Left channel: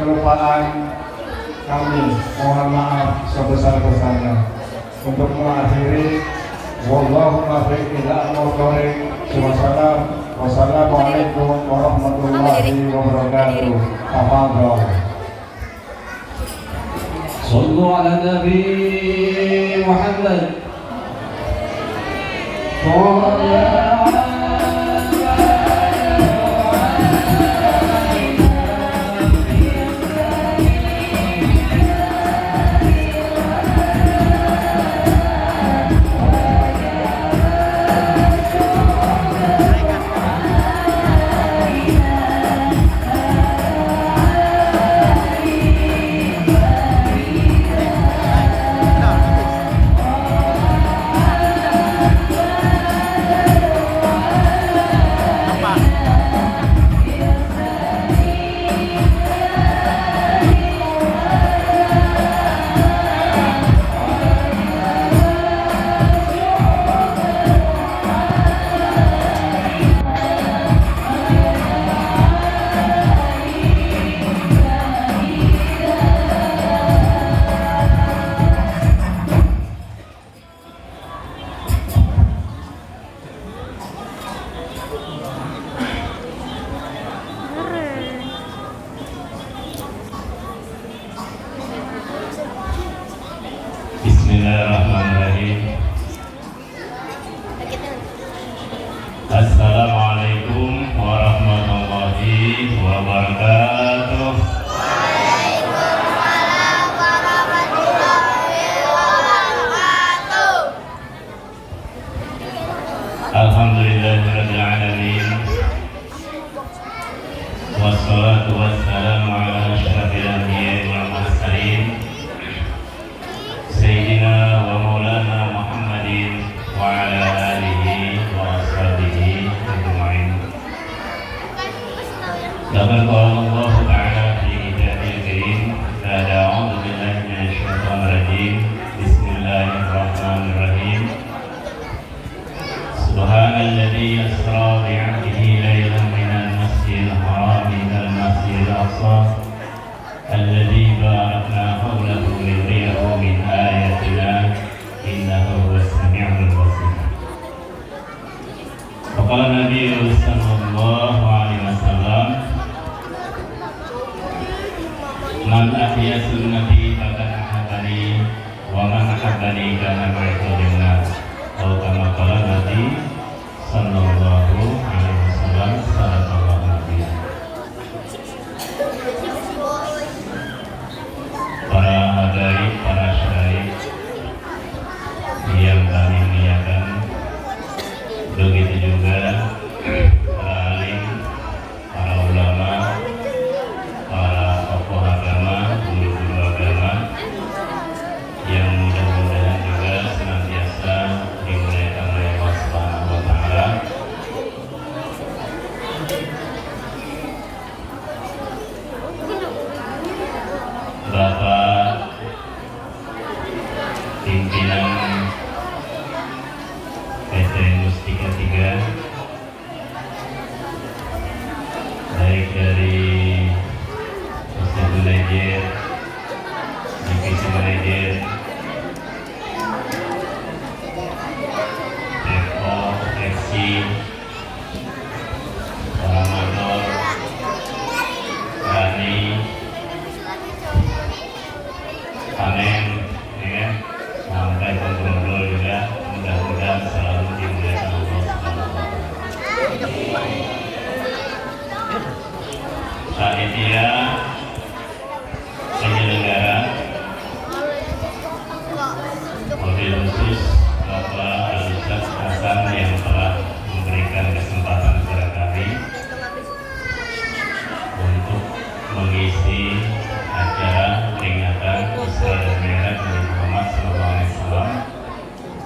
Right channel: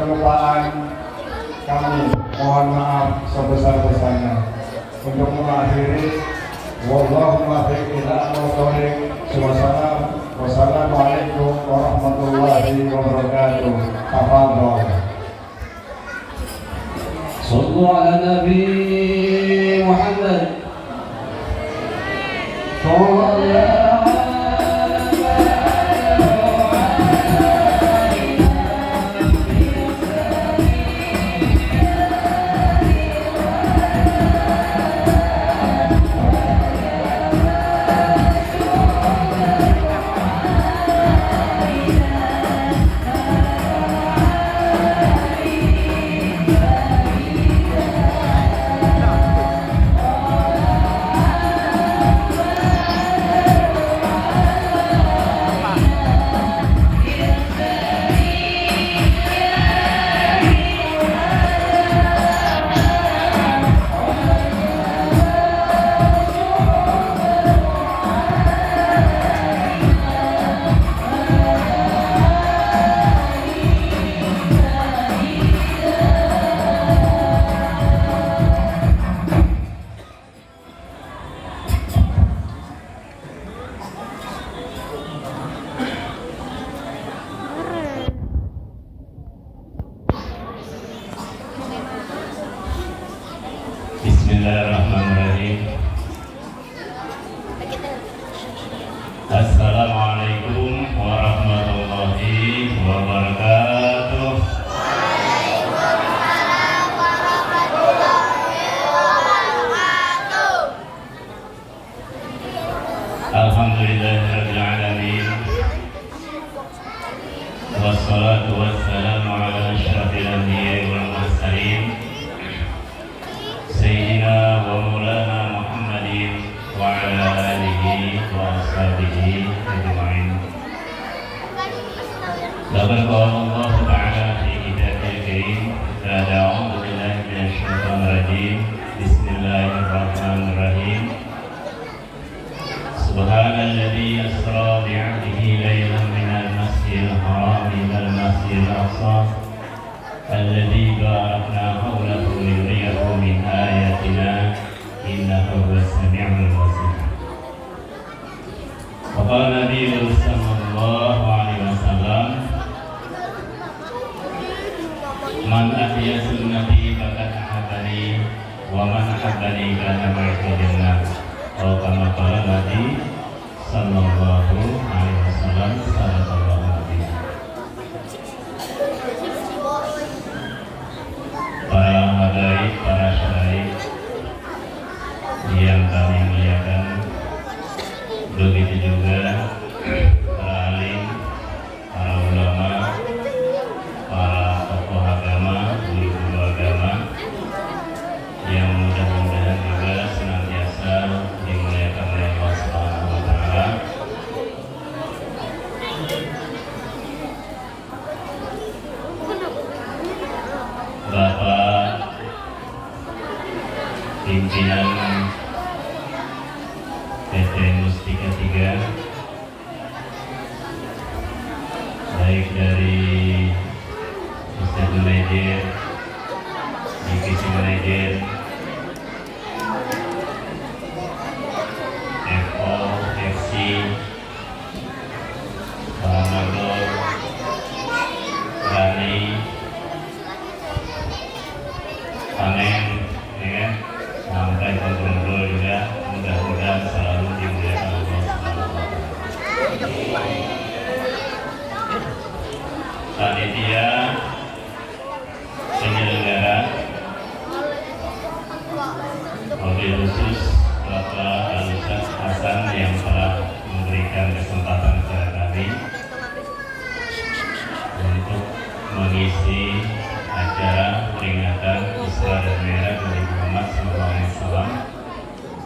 kelupaan kami, mohon maaf sebesar-besarnya. Untuk mengakhiri, wallahu muwaffiq ila aqwamit thoriq. Wassalamualaikum warahmatullahi wabarakatuh. Tafadhol. Sallu ala Nabi Muhammad. Bismillahirrahmanirrahim. Assalamualaikum warahmatullahi wabarakatuh. Waalaikumsalam warahmatullahi wabarakatuh. Alhamdulillahirabbil alamin. Wassalatu wassalamu ala asyrafil anbiya'i wal mursalin. Sayyidina wa maulana Muhammadin wa ala alihi wa ashabihi ajma'in. Laqad qala Allah ta'ala fi kitabil karim, a'udzu billahi minasy syaithanir rajim. Bismillahirrahmanirrahim. Subhanalladzi yasra bi'abdihi laylan minal masjidil haram ilal masjidil aqsa alladzi barakna hawlahu linuriyahu min ayatina innahu huwas sami'ul basir. Faqala Nabi sallallahu alaihi wasallam, man ahya sunnati faqad ahabbani wa man ahabbani kana ma'ihi janah. Atau kama qala Nabi sallallahu alaihi wasallam, sallallahu alaihi wasallam. Para hadirin, para syahid yang kami muliakan, begitu juga para alim, para ulama, para tokoh agama, guru-guru agama yang mudah-mudahan juga senantiasa dimuliakan oleh Allah Subhanahu wa Ta'ala. Bapak pimpinan PT Mustika 3, baik dari Ustadz Manajer, Divisi Manajer, Eko, FC, para motor, Rani, Panen, ya, sampai gubernur juga, mudah-mudahan selalu dimuliakan Allah Subhanahu wa Ta'ala. Panitia penyelenggara, mobil khusus Bapak Al-Ustaz Hasan yang telah memberikan kesempatan kepada kami untuk mengisi acara peringatan Isra dan Mi'raj Nabi Muhammad SAW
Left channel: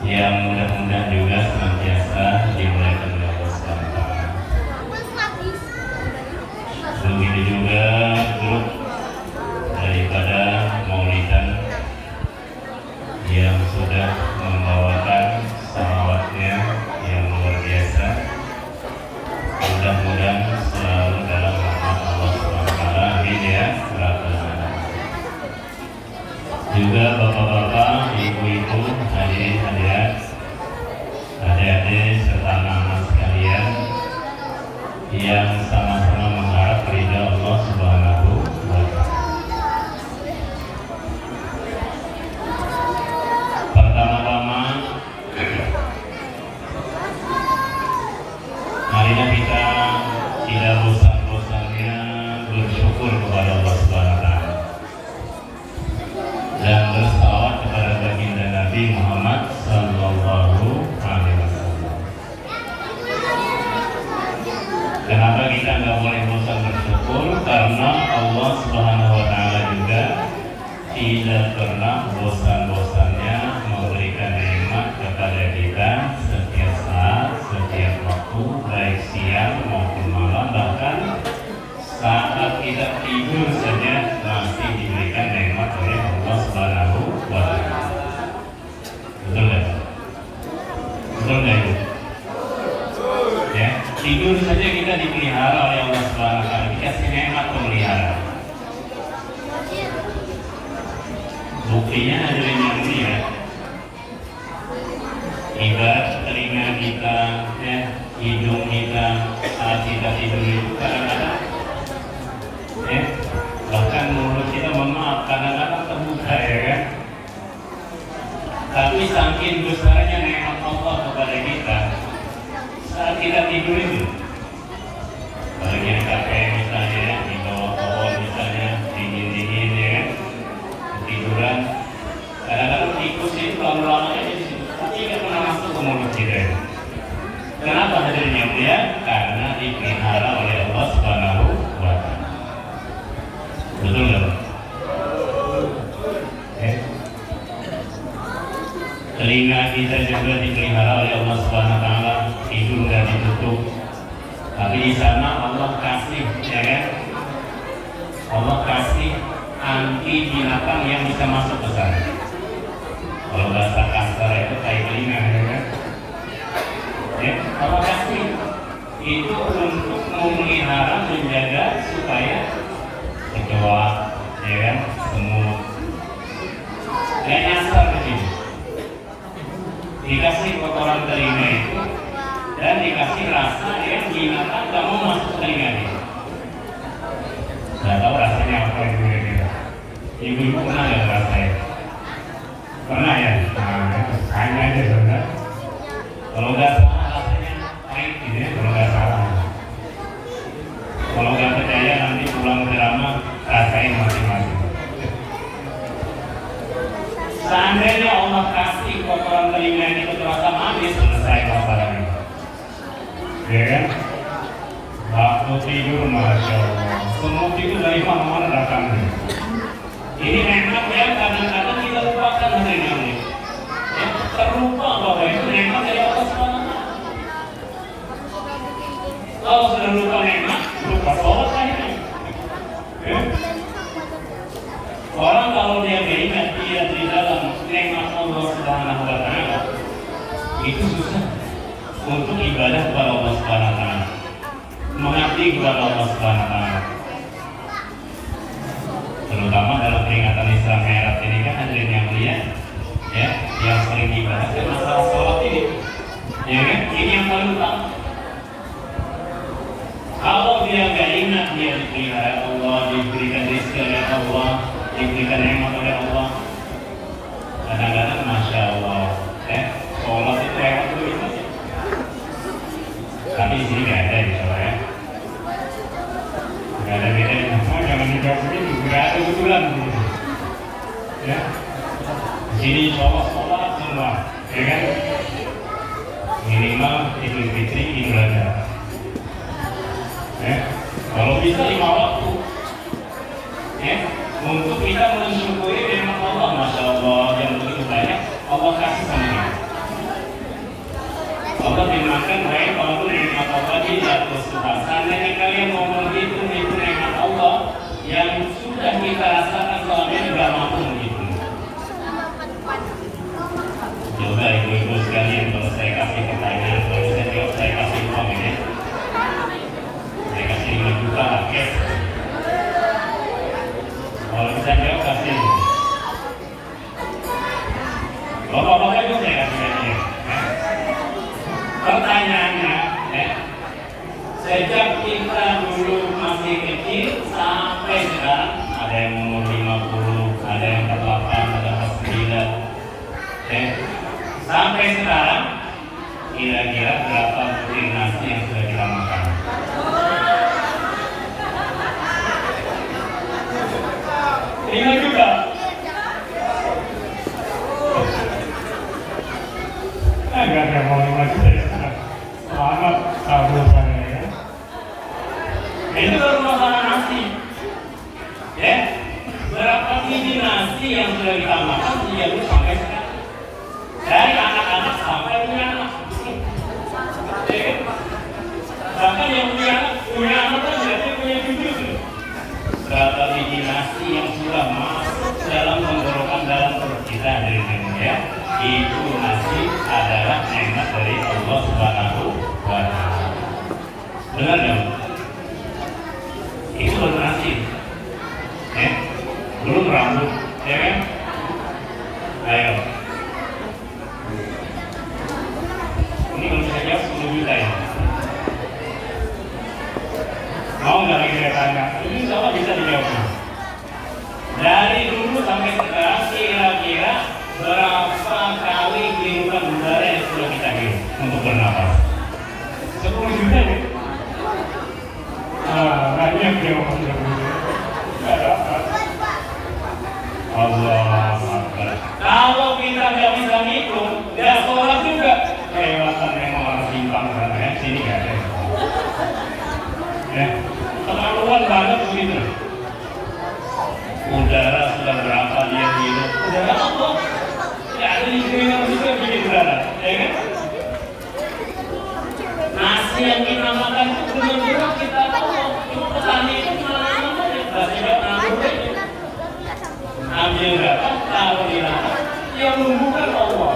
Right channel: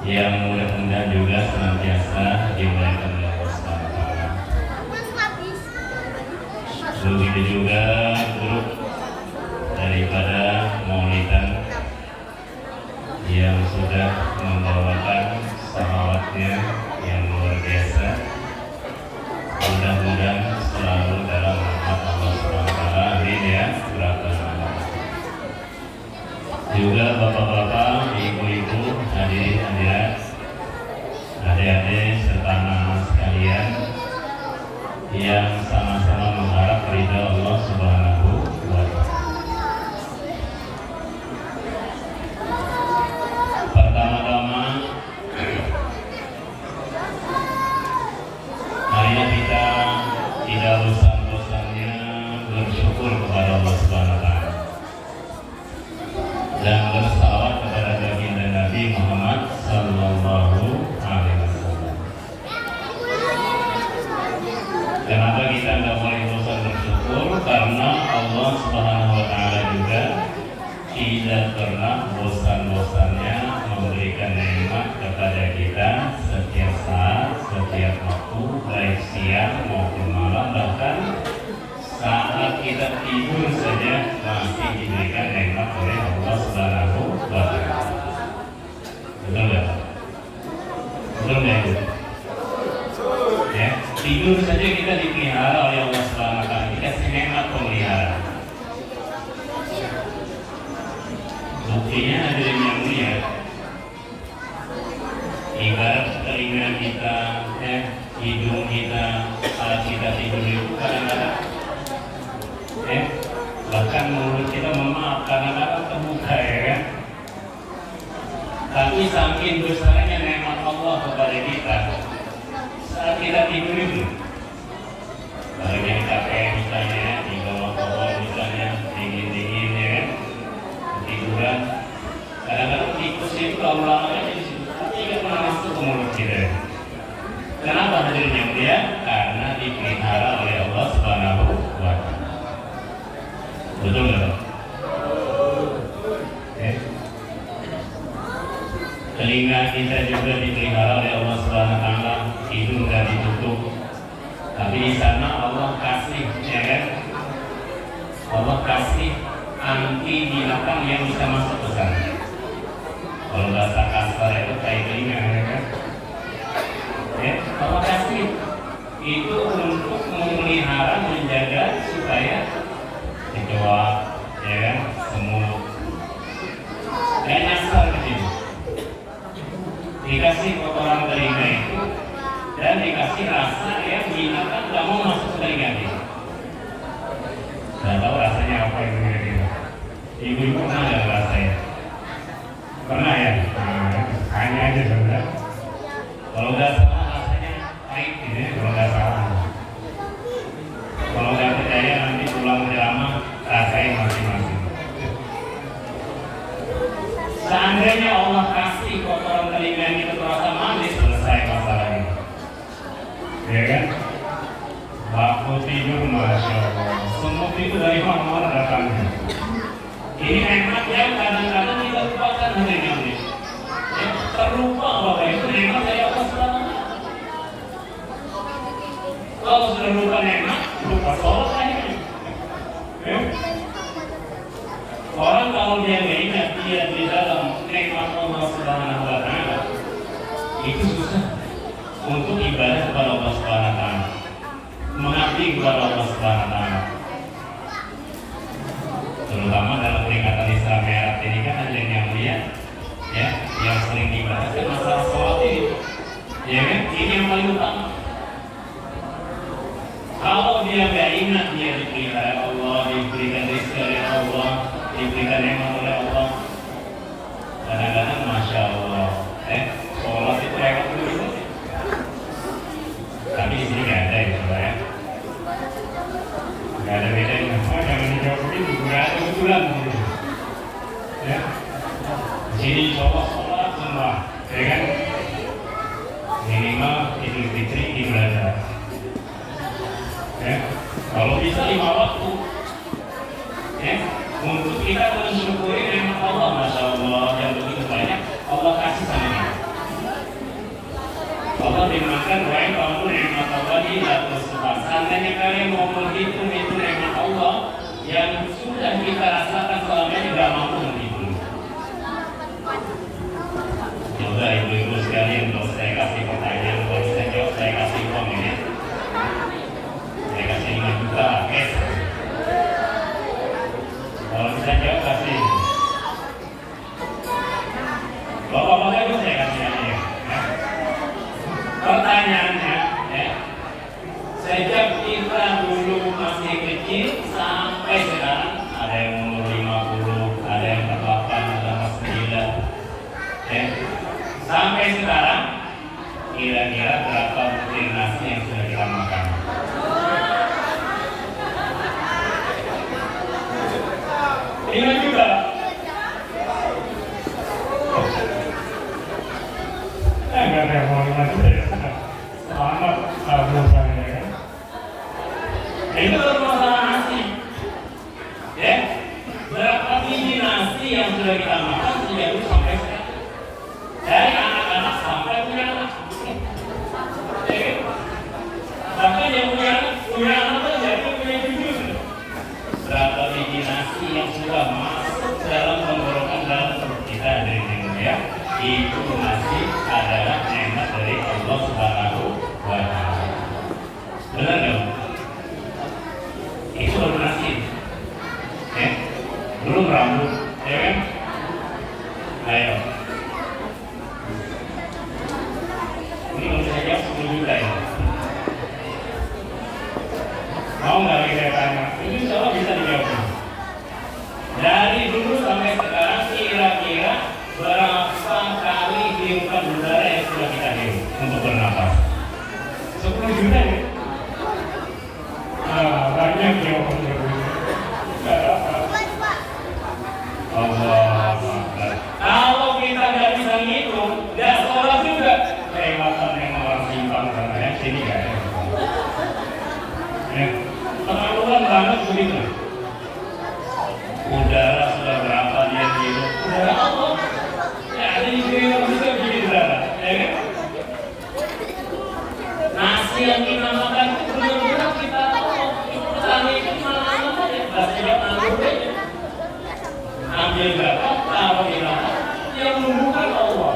yang mudah-mudahan juga senantiasa dimuliakan oleh Allah Subhanahu wa Ta'ala. Begitu juga grup daripada Maulidan yang sudah membawakan salawatnya yang luar biasa. Mudah-mudahan selalu dalam rahmat Allah Subhanahu wa Ta'ala. Amin ya. pernah bosan-bosannya memberikan nikmat kepada kita setiap saat, setiap waktu, baik siang maupun malam, bahkan saat kita tidur saja masih diberikan nikmat oleh Allah Subhanahu wa Ta'ala. Betul nggak? Betul nggak itu? Ya, tidur saja kita dipelihara oleh Allah Subhanahu wa Ta'ala. Dikasih nikmat pemeliharaan. Buktinya hadirin yang mulia, ibarat telinga kita, hidung kita saat kita tidur itu kadang-kadang, bahkan mulut kita memaaf kadang-kadang terbuka, ya kan? Tapi saking besarnya nikmat Allah kepada kita saat kita tidur itu, bagian kakek misalnya di bawah pohon misalnya dingin-dingin ya, tiduran, kadang-kadang tikus itu lama-lamanya di situ, tapi pernah masuk ke mulut kita. Kenapa hadirnya dia? Karena dipelihara oleh Allah Subhanahu wa Ta'ala. Betul nggak, Pak? Telinga kita juga dipelihara oleh Allah Subhanahu wa Ta'ala, hidung dan ditutup. Tapi di sana Allah kasih, Allah kasih anti binatang yang bisa masuk ke sana. Kalau bahasa kasar itu kayak telinga, ya kan? Allah kasih itu untuk memelihara, menjaga supaya kecoa, ya kan, semut, dan asal itu dikasih kotoran telinga itu dan dikasih rasa yang binatang gak mau masuk telinga itu. Gak tahu rasanya apa itu ya. Ibu-ibu pernah gak rasanya? Pernah ya? Nah, tanya aja bener. Kalau gak salah rasanya pahit gitu ya, kalau gak salah. Kalau gak percaya nanti pulang ke rumah rasain masing-masing. Seandainya Allah kasih kotoran telinga ini terasa manis, selesai masalahnya. Ya kan? Waktu tidur, Masya Allah, semut itu dari mana datangnya? Ini nikmat yang kadang-kadang kita lupakan hari ini. Ya, terlupa bahwa itu nikmat dari Allah SWT. Kalau sudah lupa nikmat, lupa sholat aja. Ya? Orang kalau dia beringat dia di dalam nikmat Allah Subhanahu wa Ta'ala, itu susah untuk ibadah kepada Allah Subhanahu wa Ta'ala, mengabdi kepada Allah Subhanahu wa Ta'ala. Terutama dalam peringatan Islam Mi'raj ini kan hadirin yang mulia, ya, yang sering dibahas kan masalah sholat ini, ya kan? Ini yang paling utama. Kalau dia nggak ingat dia dipelihara Allah, diberikan rezeki oleh Allah, diberikan nikmat oleh Allah, kadang-kadang Masya Allah, sholat itu hebat dulu itu. Tapi di sini nggak ada ya, ya. Nggak ada bedanya. Jangan dijawab begitu, nggak ada kebetulan. Ya, di sini sholat semua, ya kan? Minimal Idul Fitri ibadah. Kalau bisa 5 waktu, untuk kita mensyukuri nikmat Allah, Masya Allah, yang begitu banyak Allah kasih sama kita. Allah dimakan baik kalau itu nikmat Allah di atas Tuhan. Seandainya kalian ngomong itu nikmat Allah yang sudah kita rasakan selama ini tidak mampu menghitung. Coba ibu-ibu sekalian, kalau saya kasih pertanyaan, kalau saya jawab, saya kasih uang ya. Saya kasih 5 juta, oke? Kalau saya jawab kasih. Bapak-bapak itu saya kasih aja. Pertanyaannya, sejak kita dulu masih kecil sampai sekarang, ada yang umur 50, ada yang 8, ada yang 9, sampai sekarang kira-kira berapa piring nasi yang sudah kita makan? Ini juga. Enggak ada yang ngomong lagi ya. Selamat kabur saya ya. Ini baru masalah nasi. Ya, berapa biji nasi yang sudah kita Bahkan yang punya anak aja dia punya cucu. Berapa biji nasi yang sudah masuk dalam tenggorokan dalam perut kita dari ya. Itu nasi adalah nikmat dari Allah Subhanahu wa Ta'ala. Benar nggak? Itu belum nasi, belum rambut, ya kan? Ayo. Ini kalau saya jawab 10 juta ya. Mau nggak kira-kira? Ini semua bisa dijawab. Dari dulu sampai sekarang kira-kira berapa kali hirupan udara yang sudah kita hirup untuk bernapas? 10 juta ya? Banyak yang Allah Akbar. Kalau kita nggak bisa ngitung, nggak sholat juga. Kelewatan yang orang simpang sana ya, sini nggak ada. Terlaluan banget begitu. Udara sudah berapa dia hidup? Udara Allah. Ya ada yang juga begini udara, ya kan? Nasi yang kita makan itu benar-benar kita tahu. Petani itu mana aja, bahasa Jawa nanggur aja. Ambil datang, taruh di tanah. Yang menumbuhkan Allah,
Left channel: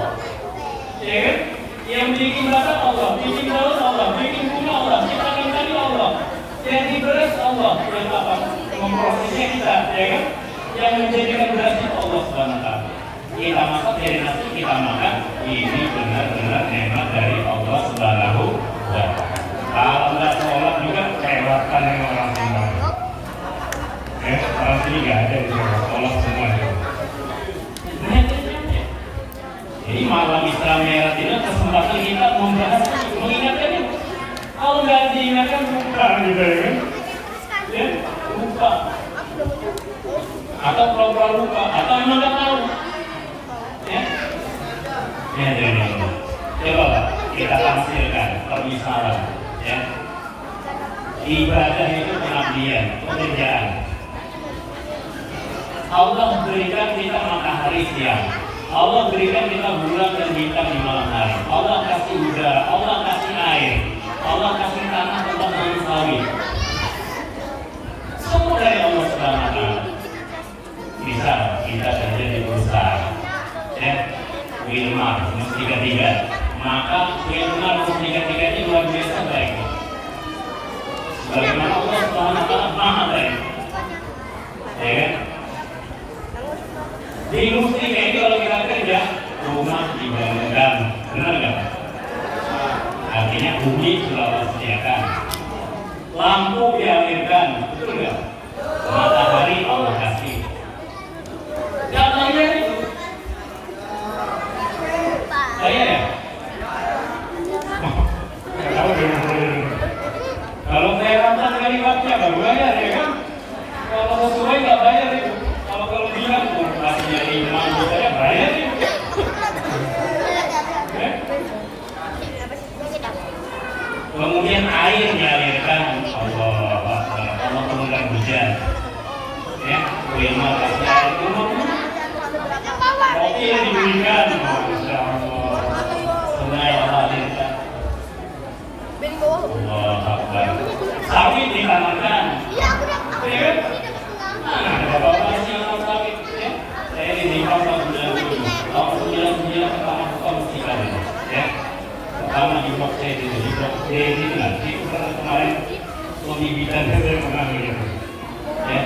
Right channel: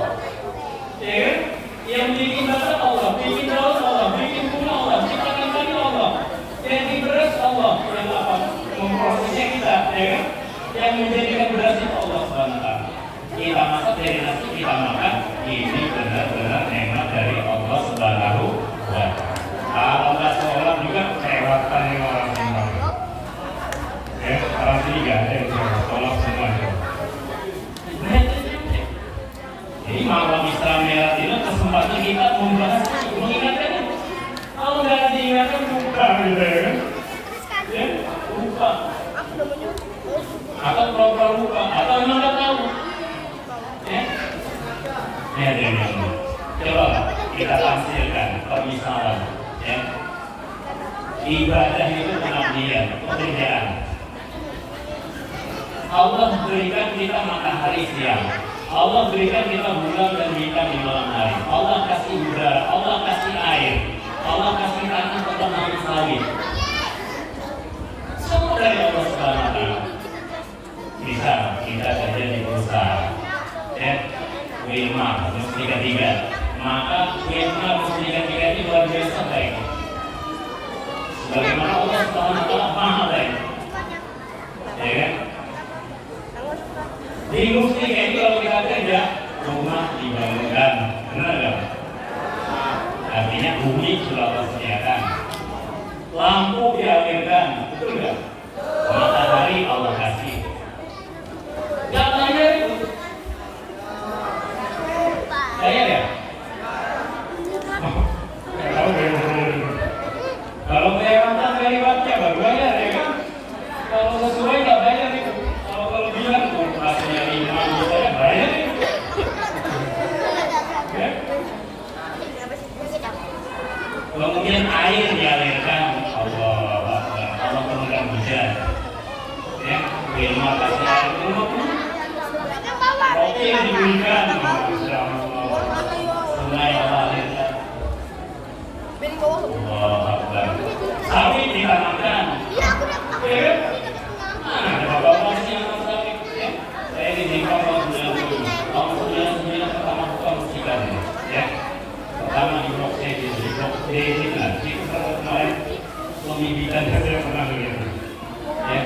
ya kan? Yang bikin batang Allah, bikin daun Allah, bikin bunga Allah, ciptakan kayu Allah, yang diberas Allah, yang apa? Memprosesnya kita, ya kan? Yang menjadikan beras itu Allah SWT. Kita masak dari nasi kita makan, ini benar-benar nikmat dari Allah Subhanahu wa Ta'ala. Kalau nggak sholat juga kelewatan yang orang sembah. Orang sini nggak ada yang sholat semua. Jadi malam Islam Mi'raj kesempatan kita membahas mengingatkannya. Kalau nggak diingatkan lupa gitu ya kan? Ya, lupa. Atau pura-pura lupa, atau emang nggak tahu. Ya, coba kita hasilkan permisalan. Ya, ibadah itu pengabdian, pekerjaan. Allah berikan kita matahari siang, Allah berikan kita bulan dan bintang di malam hari. Allah kasih udara, Allah kasih air, Allah kasih tanah tempat nanam sawit. Semua dari Allah Subhanahu wa Ta'ala. Bisa kita kerja di perusahaan, ya, Wilmar, tiga-tiga. Maka Wilmar tiga-tiga ini luar biasa baik. Bagaimana Allah Subhanahu wa Ta'ala maha baik. Ya. Di industri itu kalau kita kerja, rumah dibangunkan, benar nggak? Artinya bumi sudah disediakan, lampu dialirkan, betul nggak? Matahari Allah kasih. Contohnya itu, saya ya. Kalau saya kontak dari waktunya nggak bayar ya kan? Kalau sesuai nggak bayar itu. Kalau bilang masih imam saya bayar itu. Kemudian air dialirkan, Allah turunkan hujan. Ya, terima kasih air umum. Mobil diberikan, Masya Allah. Sungai dialirkan. Allah Akbar. Sawit ditanamkan. Ya, bapak-bapak sih mau sawit. Saya di Nikah tahun 97. Tahun 99 pertama korupsi lagi. Ya. Pertama di blok C itu, di blok D ini nanti kemarin suami bidan saya pernah lihat. Ya.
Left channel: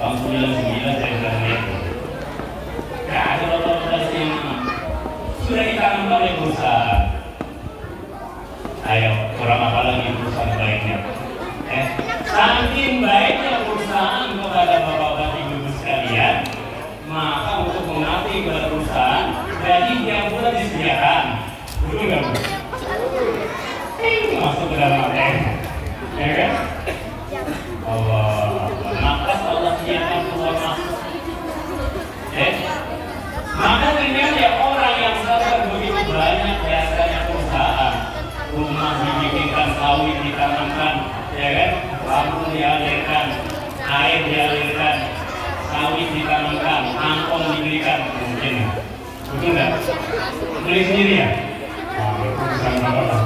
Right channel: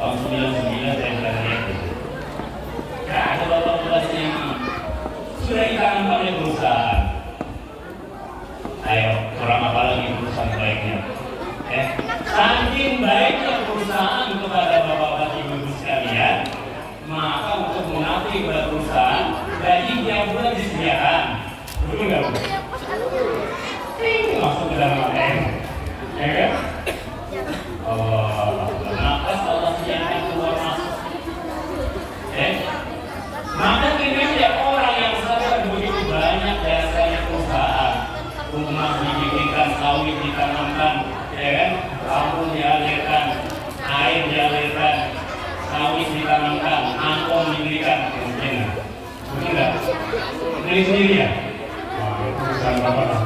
Tahun 99 saya pernah lihat. Ya, kalau bapak sih sudah ditanam oleh perusahaan. Ayo, kurang apa lagi perusahaan baiknya? Saking baiknya perusahaan kepada bapak-bapak ibu sekalian, maka untuk mengabdi kepada perusahaan, gaji yang bulan disediakan. Betul nggak? Masuk ke dalam ya kan? Maka Allah siapkan keluar masuk. Maka ini ya orang yang sadar begitu banyak jasanya perusahaan. Rumah dibikinkan, sawit ditanamkan, ya kan? Lampu dialirkan, air dialirkan, sawit ditanamkan, angkong diberikan, mungkin. Betul nggak? Ini sendiri ya? Bukan bapak.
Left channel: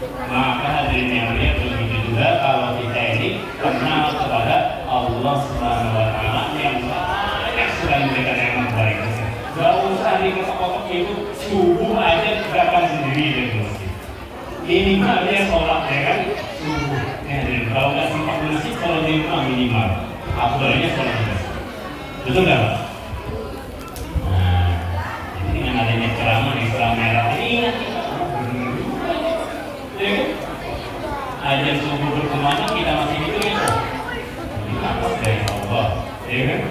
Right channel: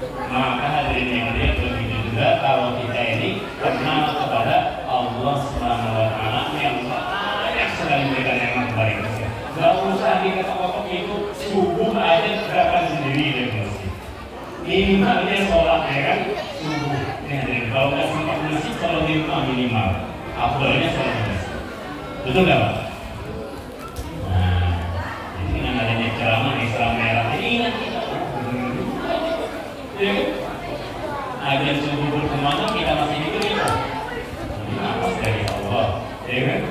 Maka hadirin yang mulia, begitu juga kalau kita ini kenal kepada Allah Subhanahu wa Ta'ala yang banyak sekali memberikan yang baik. Gak usah diketok-ketok itu subuh aja gerakan sendiri ya masjid. Minimalnya sholat ya kan subuh. Kalau nggak sempat masjid, kalau di rumah minimal. Apalagi sholat juga. Betul nggak Pak? Nah, ini dengan adanya ceramah Islam merah ini ingat kita. Ada yang subuh berkemana kita masih dikit ini apa dari Allah, ya kan?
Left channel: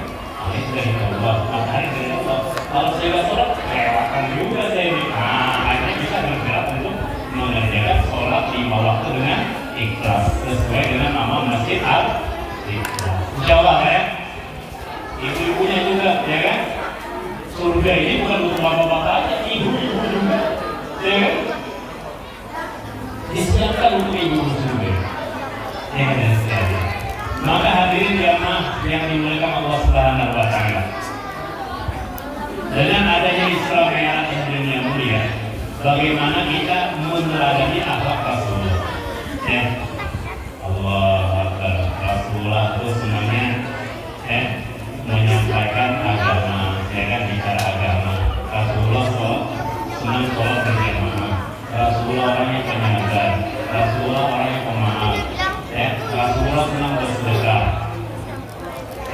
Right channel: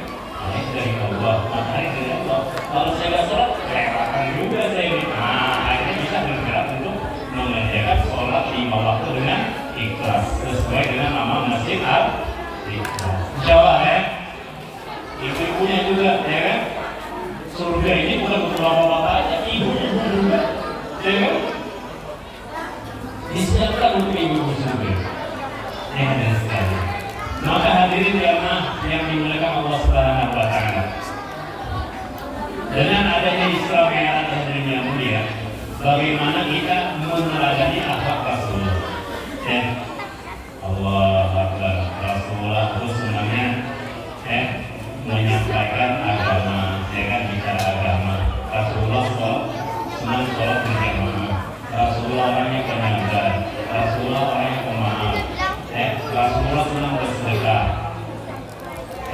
Ini dari Allah, makanya dari Allah. Kalau saya sholat, akan juga saya ini. Akhirnya bisa bergerak untuk mengerjakan sholat 5 waktu dengan ikhlas sesuai dengan nama masjid al-ikhlas. Insyaallah ya. Ibu-ibunya juga, ya kan? Surga ini bukan untuk bapak-bapak aja, ibu-ibu juga, ya kan? Disiapkan untuk ibu-ibu surga. Ya dan sekalian. Maka hadirin jamaah yang dimuliakan Allah Subhanahu wa Ta'ala. Dengan adanya Isra Mi'raj hadirin yang mulia, bagaimana kita meneladani akhlak Rasulullah? Allah Akbar. Rasulullah itu semuanya menyampaikan agama, ya kan, bicara agama. Rasulullah senang sholat berjamaah. Rasulullah orangnya penyabar. Rasulullah orangnya pemaaf. Rasulullah senang bersedekah.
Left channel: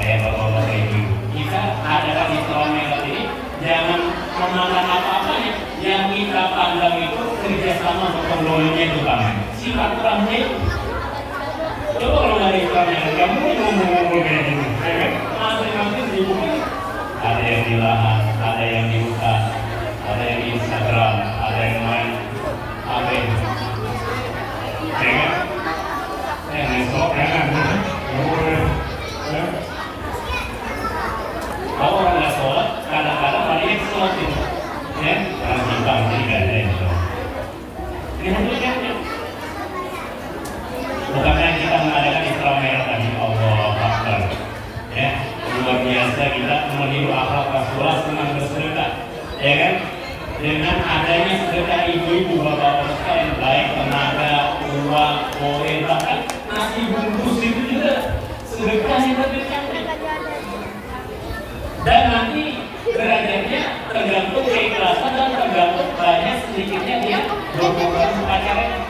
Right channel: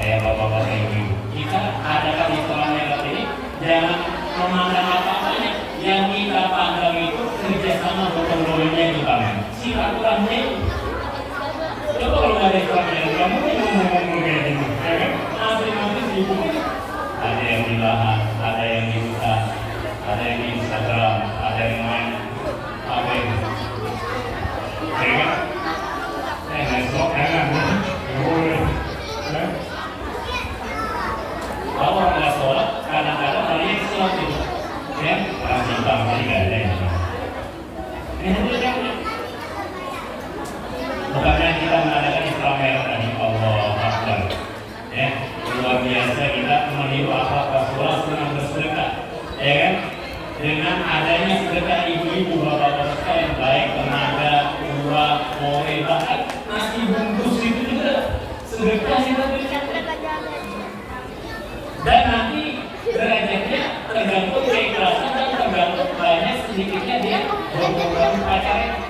Bapak-bapak ibu, kita adalah di Isra Mi'raj ini jangan memandang apa-apa ini. Yang kita pandang itu kerjasama gotong royongnya itu kan. Silaturahmi. Coba kalau dari Isra Mi'raj kamu ngomong-ngomong kayak gini, masing-masing sibuk. Ada yang di lahan, ada yang di hutan, ada yang di Instagram, ada yang main apa ini? Ngesok kan? Kalau orang nggak sholat, kadang-kadang ada yang sholat gitu, ya? Bangsi nggak ada yang sholat. Bukannya kita mengadakan Isra Mi'raj tadi, Allah Akbar, ya? Luar biasa kita meniru akhlak Rasulullah dengan bersedekah, ya kan? Dengan adanya sedekah ibu-ibu bapak-bapak yang baik, tenaga, uang, kore, bahkan nasi bungkus itu juga sedekah yang berdekat. Dan nanti derajatnya tergantung keikhlasan dan tergantung banyak sedikitnya dia berprogram acaranya.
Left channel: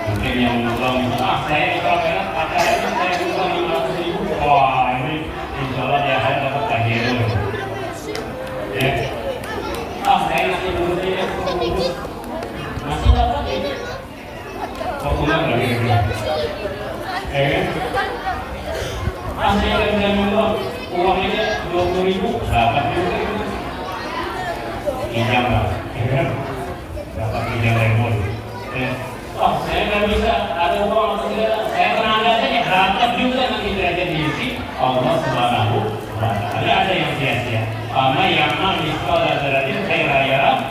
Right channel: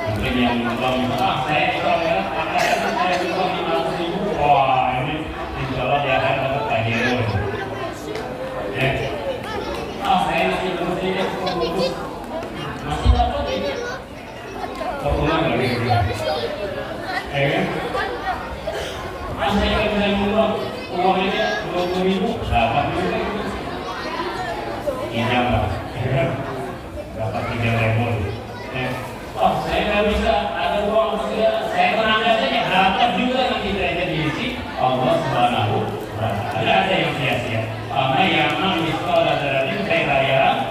Mungkin yang bilang, saya Isra Mi'raj acaranya saya juga 500.000. Wah ini insyaallah dia akan dapat hadiah dulu. Ya. Saya masih berusia 10 masih dapat ini. Kepulang dari itu. Saya bilang uangnya 20.000 dapat juga. Ijabah, dapat 3.000. Saya nggak bisa ada uang segala. Saya tenaga saja dapat juga yang tidak diisi Allah Subhanahu wa Ta'ala. Ada yang sia-sia. Karena yang misal dari saya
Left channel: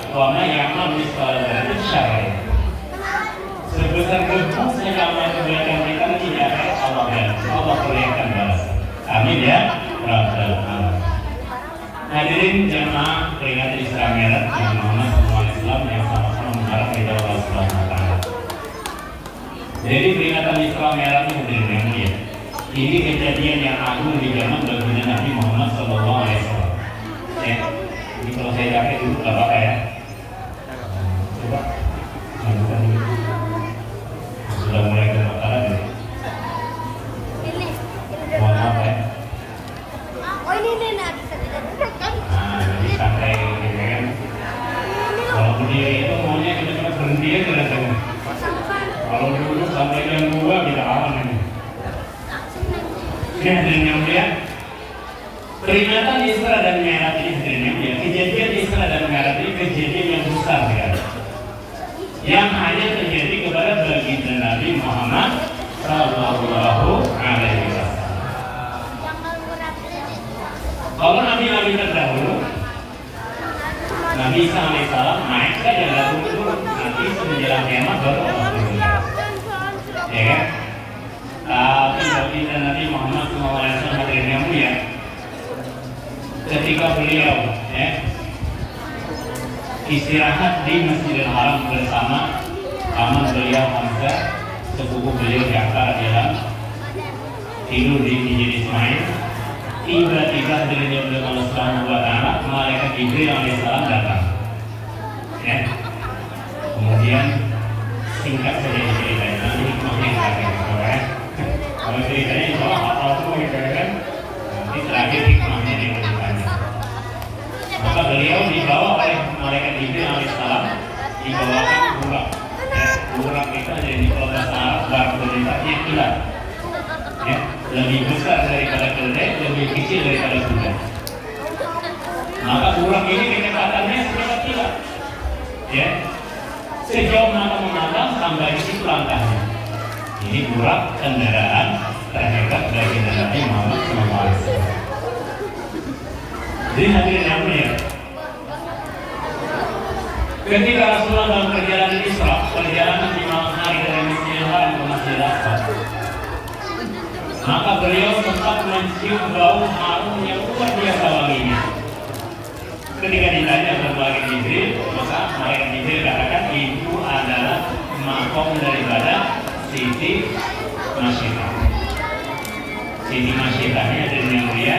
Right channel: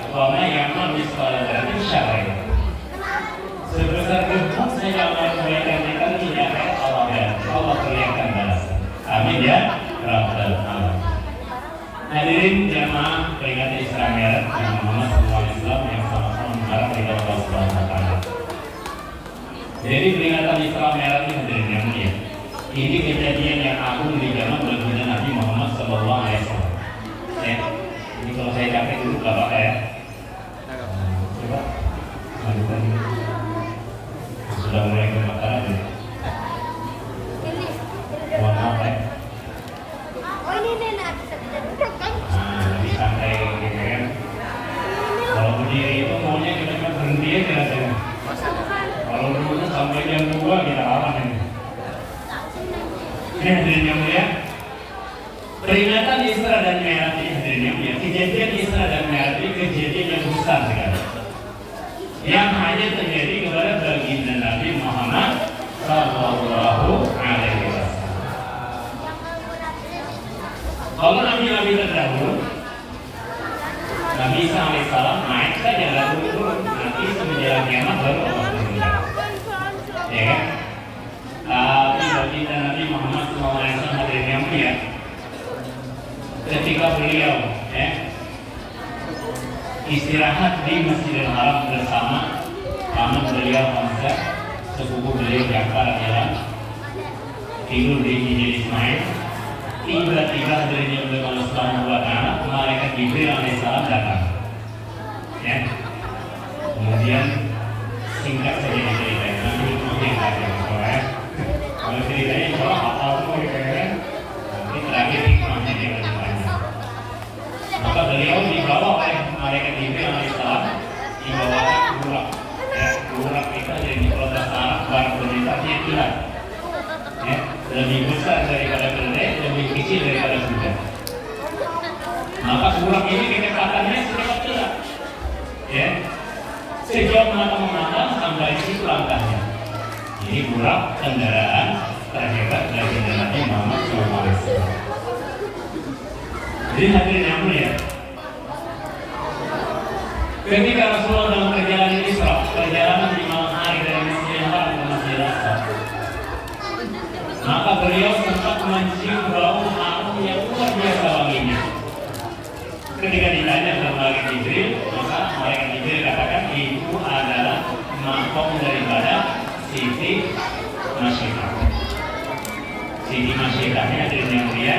karena yang misal dari syar'i. Sebesar itu saya akan memberikan kita tidak Allah berikan balas. Amin ya. Hadirin jamaah peringatan Isra Mi'raj yang mana semua Islam yang sama-sama mengharap kepada Allah Subhanahu wa Ta'ala. Jadi peringatan Isra Mi'raj ini hadirin yang mulia. Ini kejadian yang agung di zaman baginda Nabi Muhammad SAW. Ya, ini kalau saya yakin dulu Bapak ya. Coba, sudah mulai kebakaran ya. Mohon maaf ya. Oh ini nenek. Di santai gitu kan. Kalau berdiri itu maunya cuma berhenti aja rasanya. Kalau dulu sampai ke 2 kita aman ini. Oke, hadirin yang mulia. Peringatan Isra dan Mi'raj ini hadirin yang mulia. Kejadian Isra dan Mi'raj ini kejadian yang besar sekali. Yang hanya terjadi kepada baginda Nabi Muhammad Sallallahu Alaihi Wasallam. Kalau Nabi terdahulu, Nabi Isa alaihissalam naik saja lalu turun. Nanti menjelang kiamat baru ya. Tapi baginda Nabi Muhammad SAW hadirin yang mulia, ketika beliau istirahat di Masjidil Haram bersama paman beliau Hamzah, sepupu beliau Ja'far adalah tidur di Hijri Ismail. Tiba-tiba dirinya beliau Allah Subhanahu wa Ta'ala, malaikat Jibril alaihissalam datang. Ya. Kemudian singkat saja ceritanya, ini mungkin agak ya. Kalau ceritanya itu apa gitu kan? Nanti terakhir hikmahnya diberikannya. Maka beliau dibawa oleh malaikat Jibril alaihissalam, dibawakan burak. Ya, burak itu dari kota Arab, burak berbentuknya bulat. Ya, lebih besar daripada keledai, lebih kecil daripada kuda. Maka burak ini kecepatannya seperti kilat. Ya, sejauh mata memandang sampai di situ langkahnya. Ini burak kendaraan terhebat bagi Nabi Muhammad SAW. Jadi hadirin yang mulia, ketika Rasulullah dalam perjalanan Isra, perjalanan di malam hari dari Masjidil Haram ke Masjidil Aqsa, maka beliau sempat mencium bau harum yang luar biasa wanginya. Ketika ditanya oleh malaikat Jibril, maka malaikat Jibril katakan itu adalah makom daripada Siti Masyikah. Siti Masyikahnya dari yang mulia,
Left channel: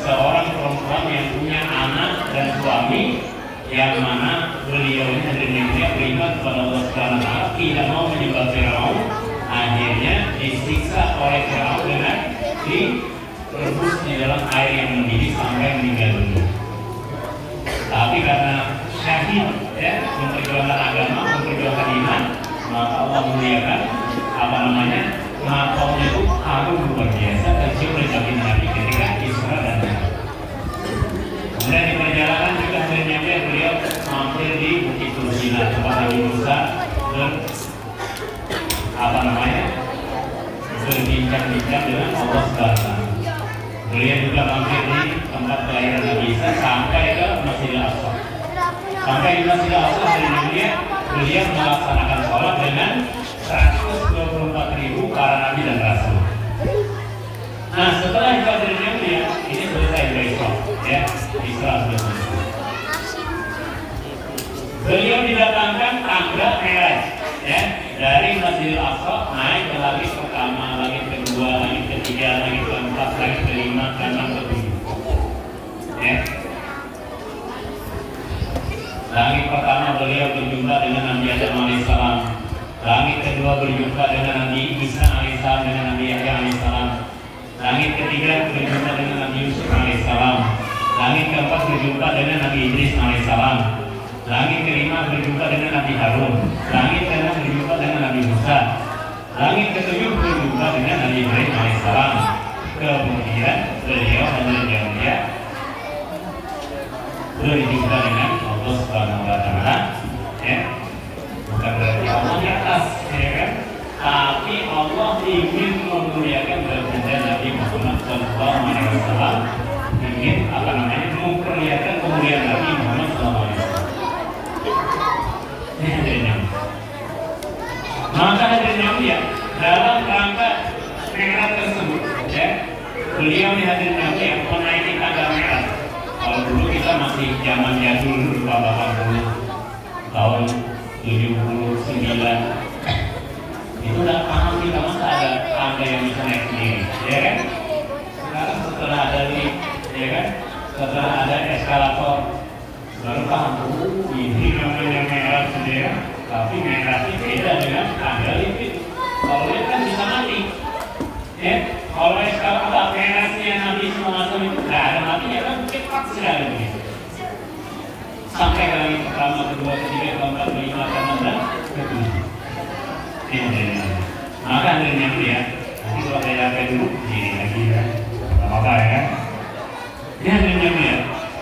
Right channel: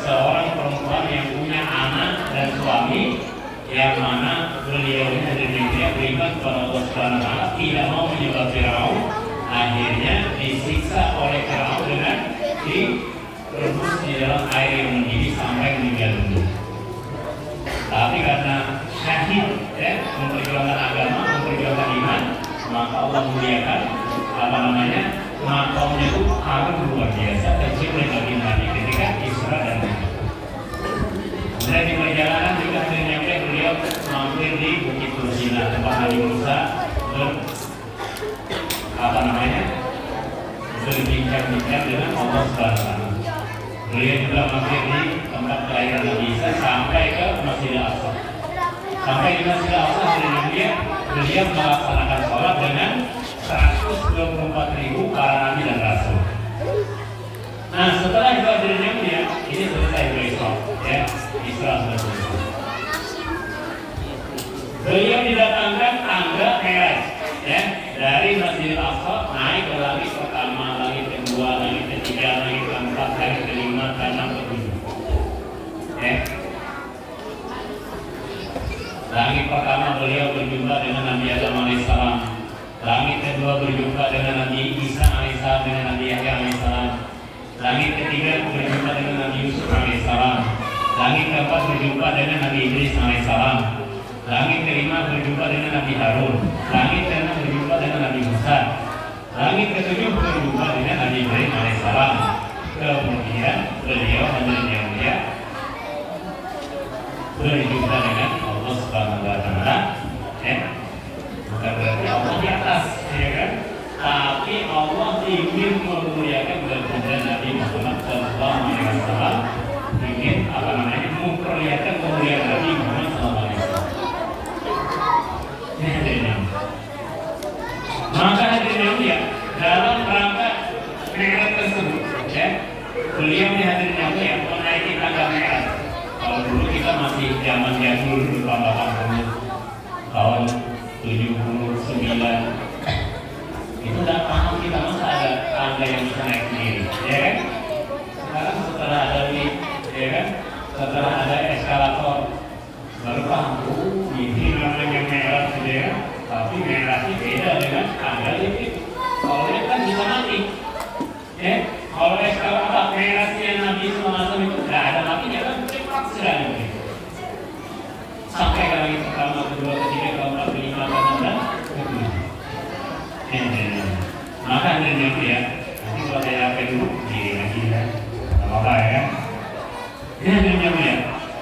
seorang perempuan yang punya anak dan suami, yang mana beliau dari yang mulia beriman kepada Allah Subhanahu wa Ta'ala, tidak mau menyembah Firaun, akhirnya disiksa oleh Firaun dengan direbus di dalam air yang mendidih sampai meninggal dunia. Tapi karena syahid, ya, memperjuangkan agama, memperjuangkan iman, maka Allah muliakan makomnya itu harum luar biasa, tercium dari Nabi ketika Isra dan Mi'raj. Kemudian di perjalanan juga akhirnya beliau mampir di Bukit Tursila, tempat Nabi Musa berbincang-bincang dengan Allah Subhanahu. Beliau juga mampir di tempat kelahiran Nabi Isa sampai ke Masjidil Aqsa. Sampai di Masjidil Aqsa beliau melaksanakan sholat dengan 124.000 para nabi dan rasul. Nah, setelah itu akhirnya ini selesai besok, ya, Isra selesai. Beliau didatangkan tangga Mi'raj, ya, dari Masjidil Aqsa naik ke langit pertama, langit kedua, langit ketiga, langit keempat, langit kelima, keenam, ketujuh. Ya. Langit pertama beliau berjumpa dengan Nabi Adam alaihissalam. Langit kedua berjumpa dengan Nabi Isa alaihissalam, dengan Nabi Yahya alaihissalam. Langit ketiga berjumpa dengan Nabi Yusuf alaihissalam. Langit keempat berjumpa dengan Nabi Idris alaihissalam. Langit kelima berjumpa dengan Nabi Harun. Langit keenam berjumpa dengan Nabi Musa. Langit ketujuh berjumpa dengan Nabi Ibrahim alaihissalam. Kemudian beliau berjumpa dengan Allah Subhanahu wa Ta'ala. Ya. Bukan berarti Allah di atas, ya kan? Tapi Allah ingin memuliakan baginda Nabi Muhammad SAW, ingin memperlihatkan kemuliaan Nabi Muhammad SAW. Maka hadirin dia dalam rangka Mi'raj tersebut, ya, beliau hadirin yang menaiki tangga Mi'raj. Kalau dulu kita masih zaman jadul di tahun 80, tahun 79, itu udah paham kita masa ada tangga yang bisa naik sendiri, ya kan? Sekarang setelah ada lift, ya kan? Setelah ada eskalator, baru paham, ini namanya Mi'raj sendiri, tapi Mi'raj itu beda dengan tangga lift. Kalau lift kan bisa mati, ya? Kalau eskalator Mi'rajnya Nabi SAW itu nggak ada matinya, kan cepat sekali begitu. Sampai ke langit pertama, kedua, ketiga, keempat, kelima, keenam, ketujuh. Maka hadirin yang mulia, nanti kalau saya lakukan dulu, ini lagi ya, apa ya? Ini hadirin yang mulia,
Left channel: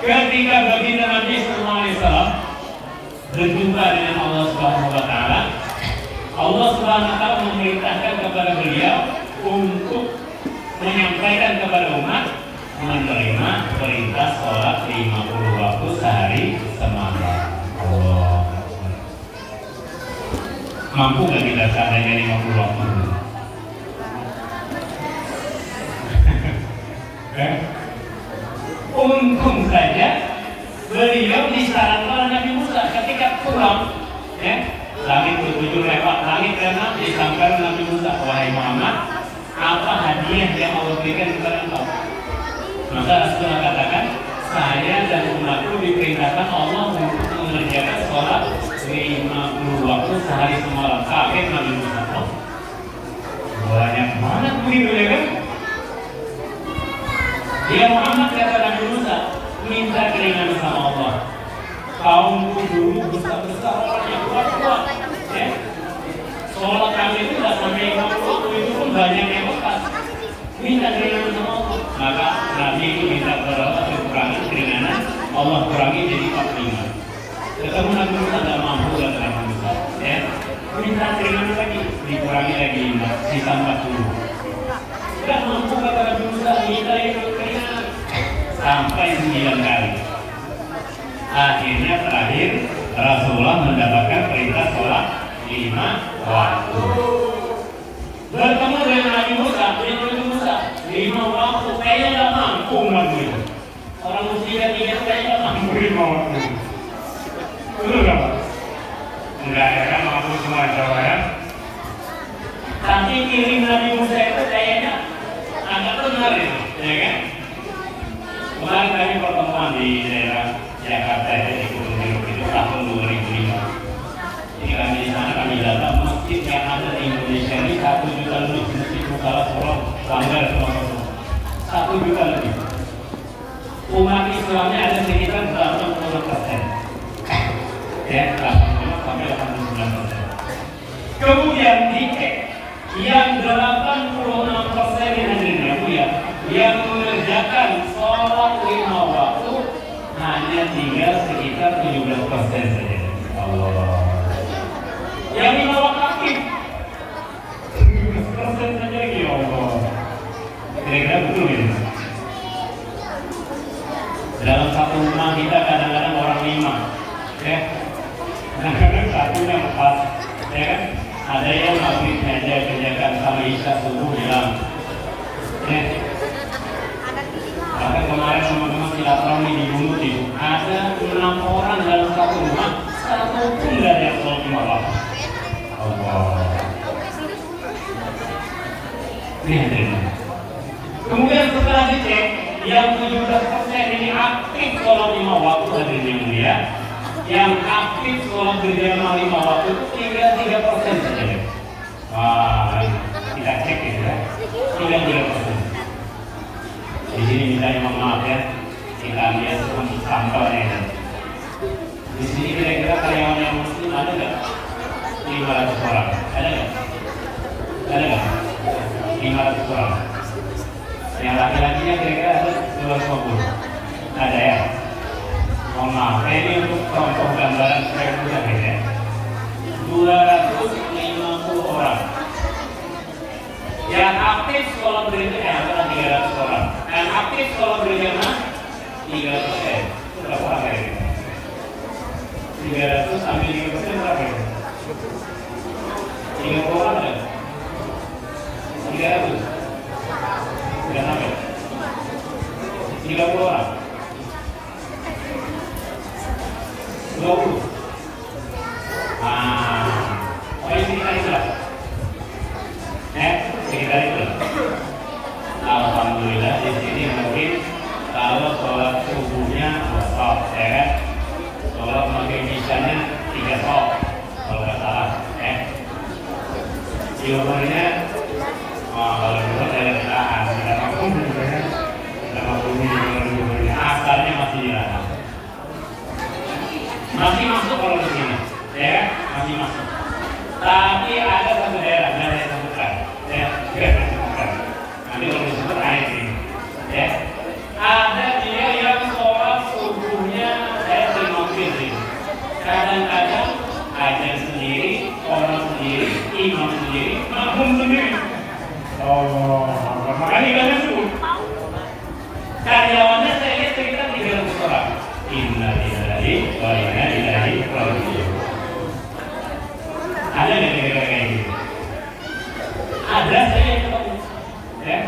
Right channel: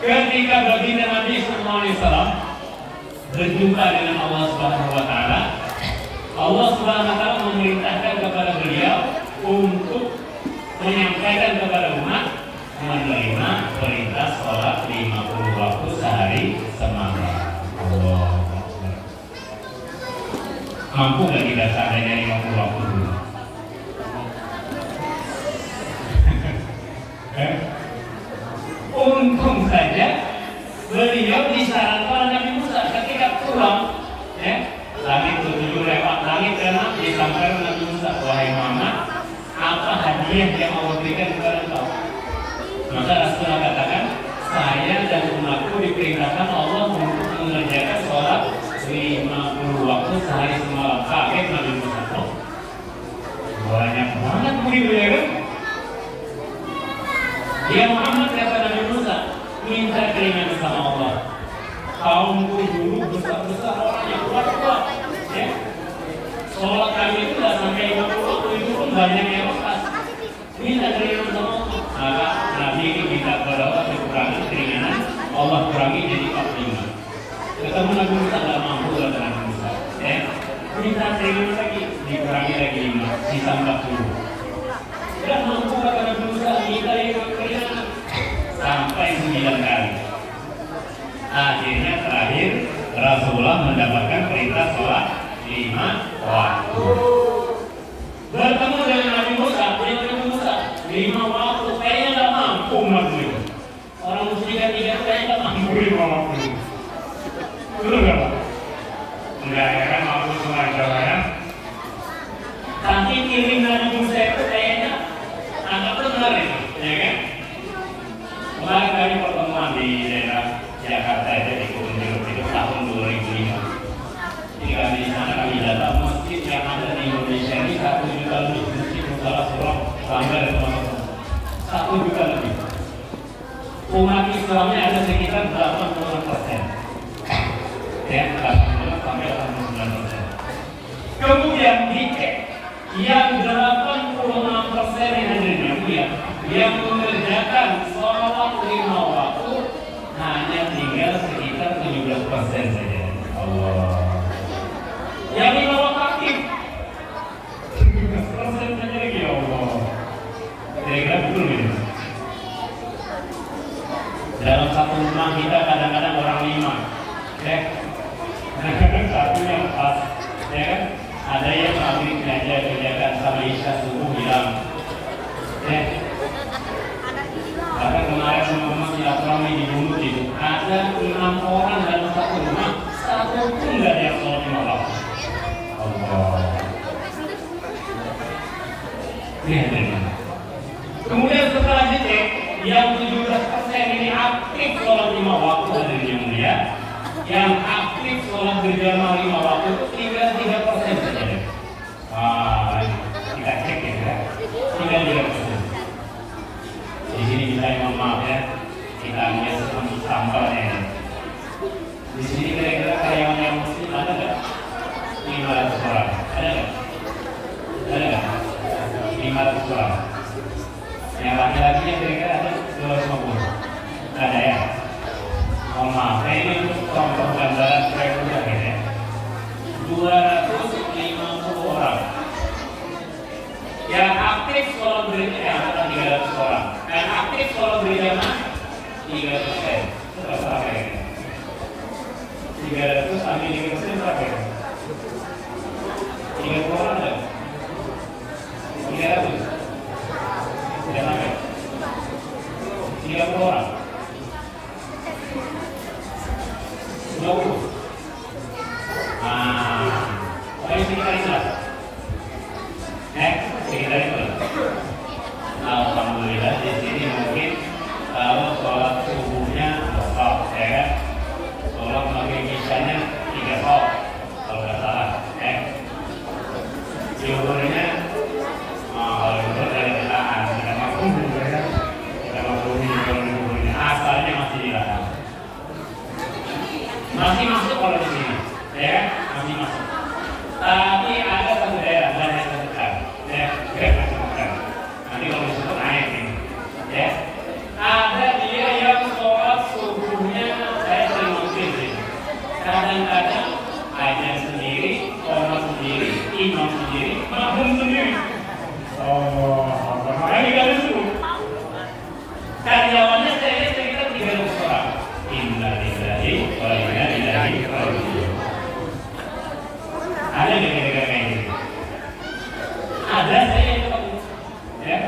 ketika baginda Nabi SAW berjumpa dengan Allah Subhanahu wa Ta'ala, Allah Subhanahu wa Ta'ala memerintahkan kepada beliau untuk menyampaikan kepada umat menerima perintah sholat 50 waktu sehari semalam. Allah. Mampu nggak kita seandainya 50 waktu dulu? Untung saja beliau disarankan Nabi Musa ketika pulang, ya, langit ketujuh disangkar Nabi Musa, wahai Muhammad, apa hadiah yang Allah berikan kepada engkau? Maka Rasulullah katakan, saya dan umatku diperintahkan Allah untuk mengerjakan sholat 50 waktu sehari semalam. Kaget Nabi Musa. Banyak banget begitu ya kan? Ya Muhammad, kata Nabi Musa, minta keringanan sama Allah. Kaumku dulu besar-besar yang kuat-kuat, ya. Sholat kami itu tidak sampai 50 waktu, itu pun banyak yang lepas. Minta keringanan sama Allah. Maka Nabi minta kepada Allah dikurangi keringanan, Allah kurangi jadi 45. Ketemu Nabi Musa tidak mampu, kata Nabi Musa, ya. Minta keringanan lagi, dikurangi lagi 5, sisa 40. Tidak mampu, kata Nabi Musa, minta yang keringanan sampai 9 kali. Akhirnya terakhir Rasulullah mendapatkan perintah sholat 5 waktu. Bertemu dengan Nabi Musa, Nabi Musa 5 waktu kayaknya nggak mampu Nabi. Orang muslim tidak nggak mampu 5 waktu. Betul nggak? Enggak ya, mampu cuma Jawa ya. Tapi kirim Nabi Musa itu kayaknya agak benar itu, ya kan? Kemarin kami pertemuan di daerah Jakarta itu di tahun 2005. Ketika di sana kami datang masjid yang ada di Indonesia ini 1 juta lebih masjid Mukarram Surah Langgar teman-teman. 1 juta lebih. Umat Islamnya ada sekitar 80%. Ya, 80 sampai 89%. Kemudian dicek yang 86% yang ada di yang mengerjakan sholat 5 waktu hanya tinggal sekitar 17% saja. Allah. Yang 5 waktu aktif 17% saja, ya Allah. Kira-kira betul ya? Dalam satu rumah kita kadang-kadang orang 5, ya. Kadang-kadang satu yang pas, ya. Ada yang maghrib aja kerjakan sampai isya subuh hilang, ya. Ada kemarin teman-teman silaturahmi di Bunut itu ada 6 orang dalam satu rumah, satu pun nggak ada yang sholat 5 waktu. Allah. Kemudian setelah dicek, yang 17% ini aktif sholat 5 waktu dari dia, yang aktif sholat berjamaah 5 waktu itu tinggal 3% saja. Kita cek ya, tinggal 3%. Di sini minta maaf ya, kita lihat semua sampelnya. Di sini kira-kira karyawan yang muslim ada nggak? 500 orang, ada nggak? Ada nggak? 500 orang. Yang laki-lakinya kira-kira ada 250. Ada ya? Mohon maaf, ini untuk contoh gambaran supaya mudah ya. 250 orang. Yang aktif sholat berjamaah 300 orang. Yang aktif sholat berjamaah 3%. Berapa sampai ini? 300 sampai 3% berapa ya? 30 orang ada? 300? Sudah sampai? 30 orang? 20? Oh ini sekitar itulah. Sekitar itu. Alhamdulillah di sini mungkin kalau sholat subuhnya 2 sholat, ya kan? Sholat maghrib isyanya 3 sholat, kalau nggak salah, ya. Jumlahnya, kalau dari tahan, karena umumnya, sama umumnya, asalnya masih dilarang. Masih masuk kalau di sini, ya, masih masuk. Tapi ada satu daerah, ada yang sebentar, ya, ini kalau disebut air ini, ya. Ada dia yang sholat subuhnya saya sering ngomongin sih. Kadang-kadang ada sendiri, orang sendiri, imam sendiri, makmum sendiri. Makanya tidak lucu. Karyawannya saya lihat sekitar 300 orang. Inna lillahi wa inna ilaihi raji'un. Ada nggak kira-kira kayak gitu? Ada, saya yang ketemu, ya.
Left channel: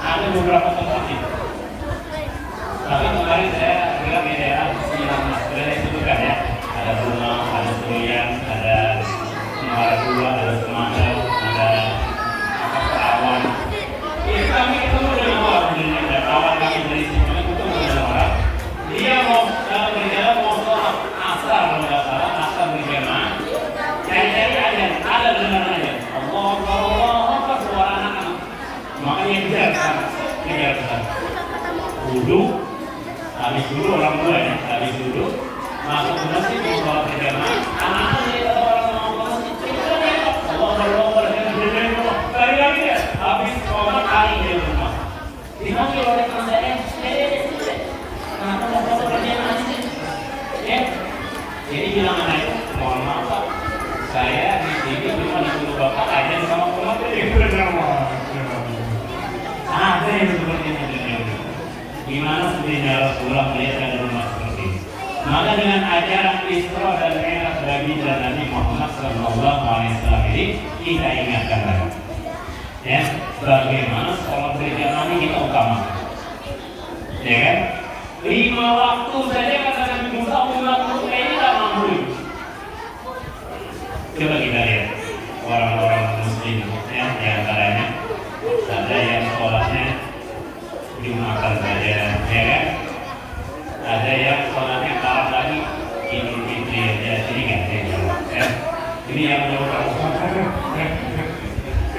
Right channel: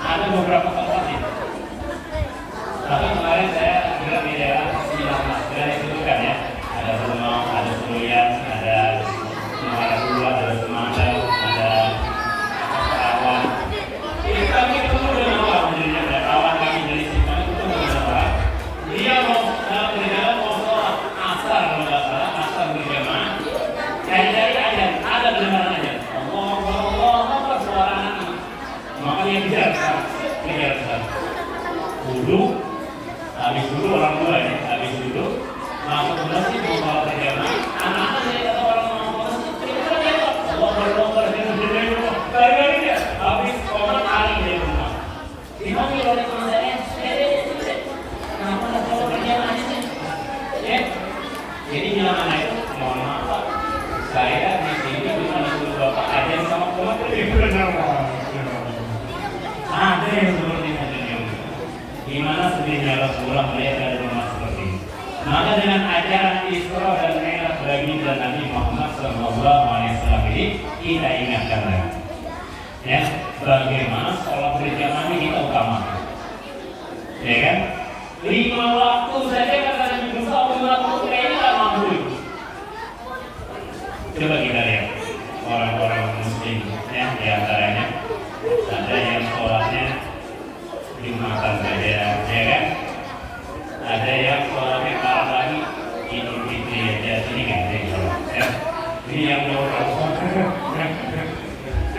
Ada beberapa tempat sih. Tapi kemarin saya dengar di daerah yang sebutkan ya. Ada Bunga, ada Surian, ada Semarang, ada Semangka, ada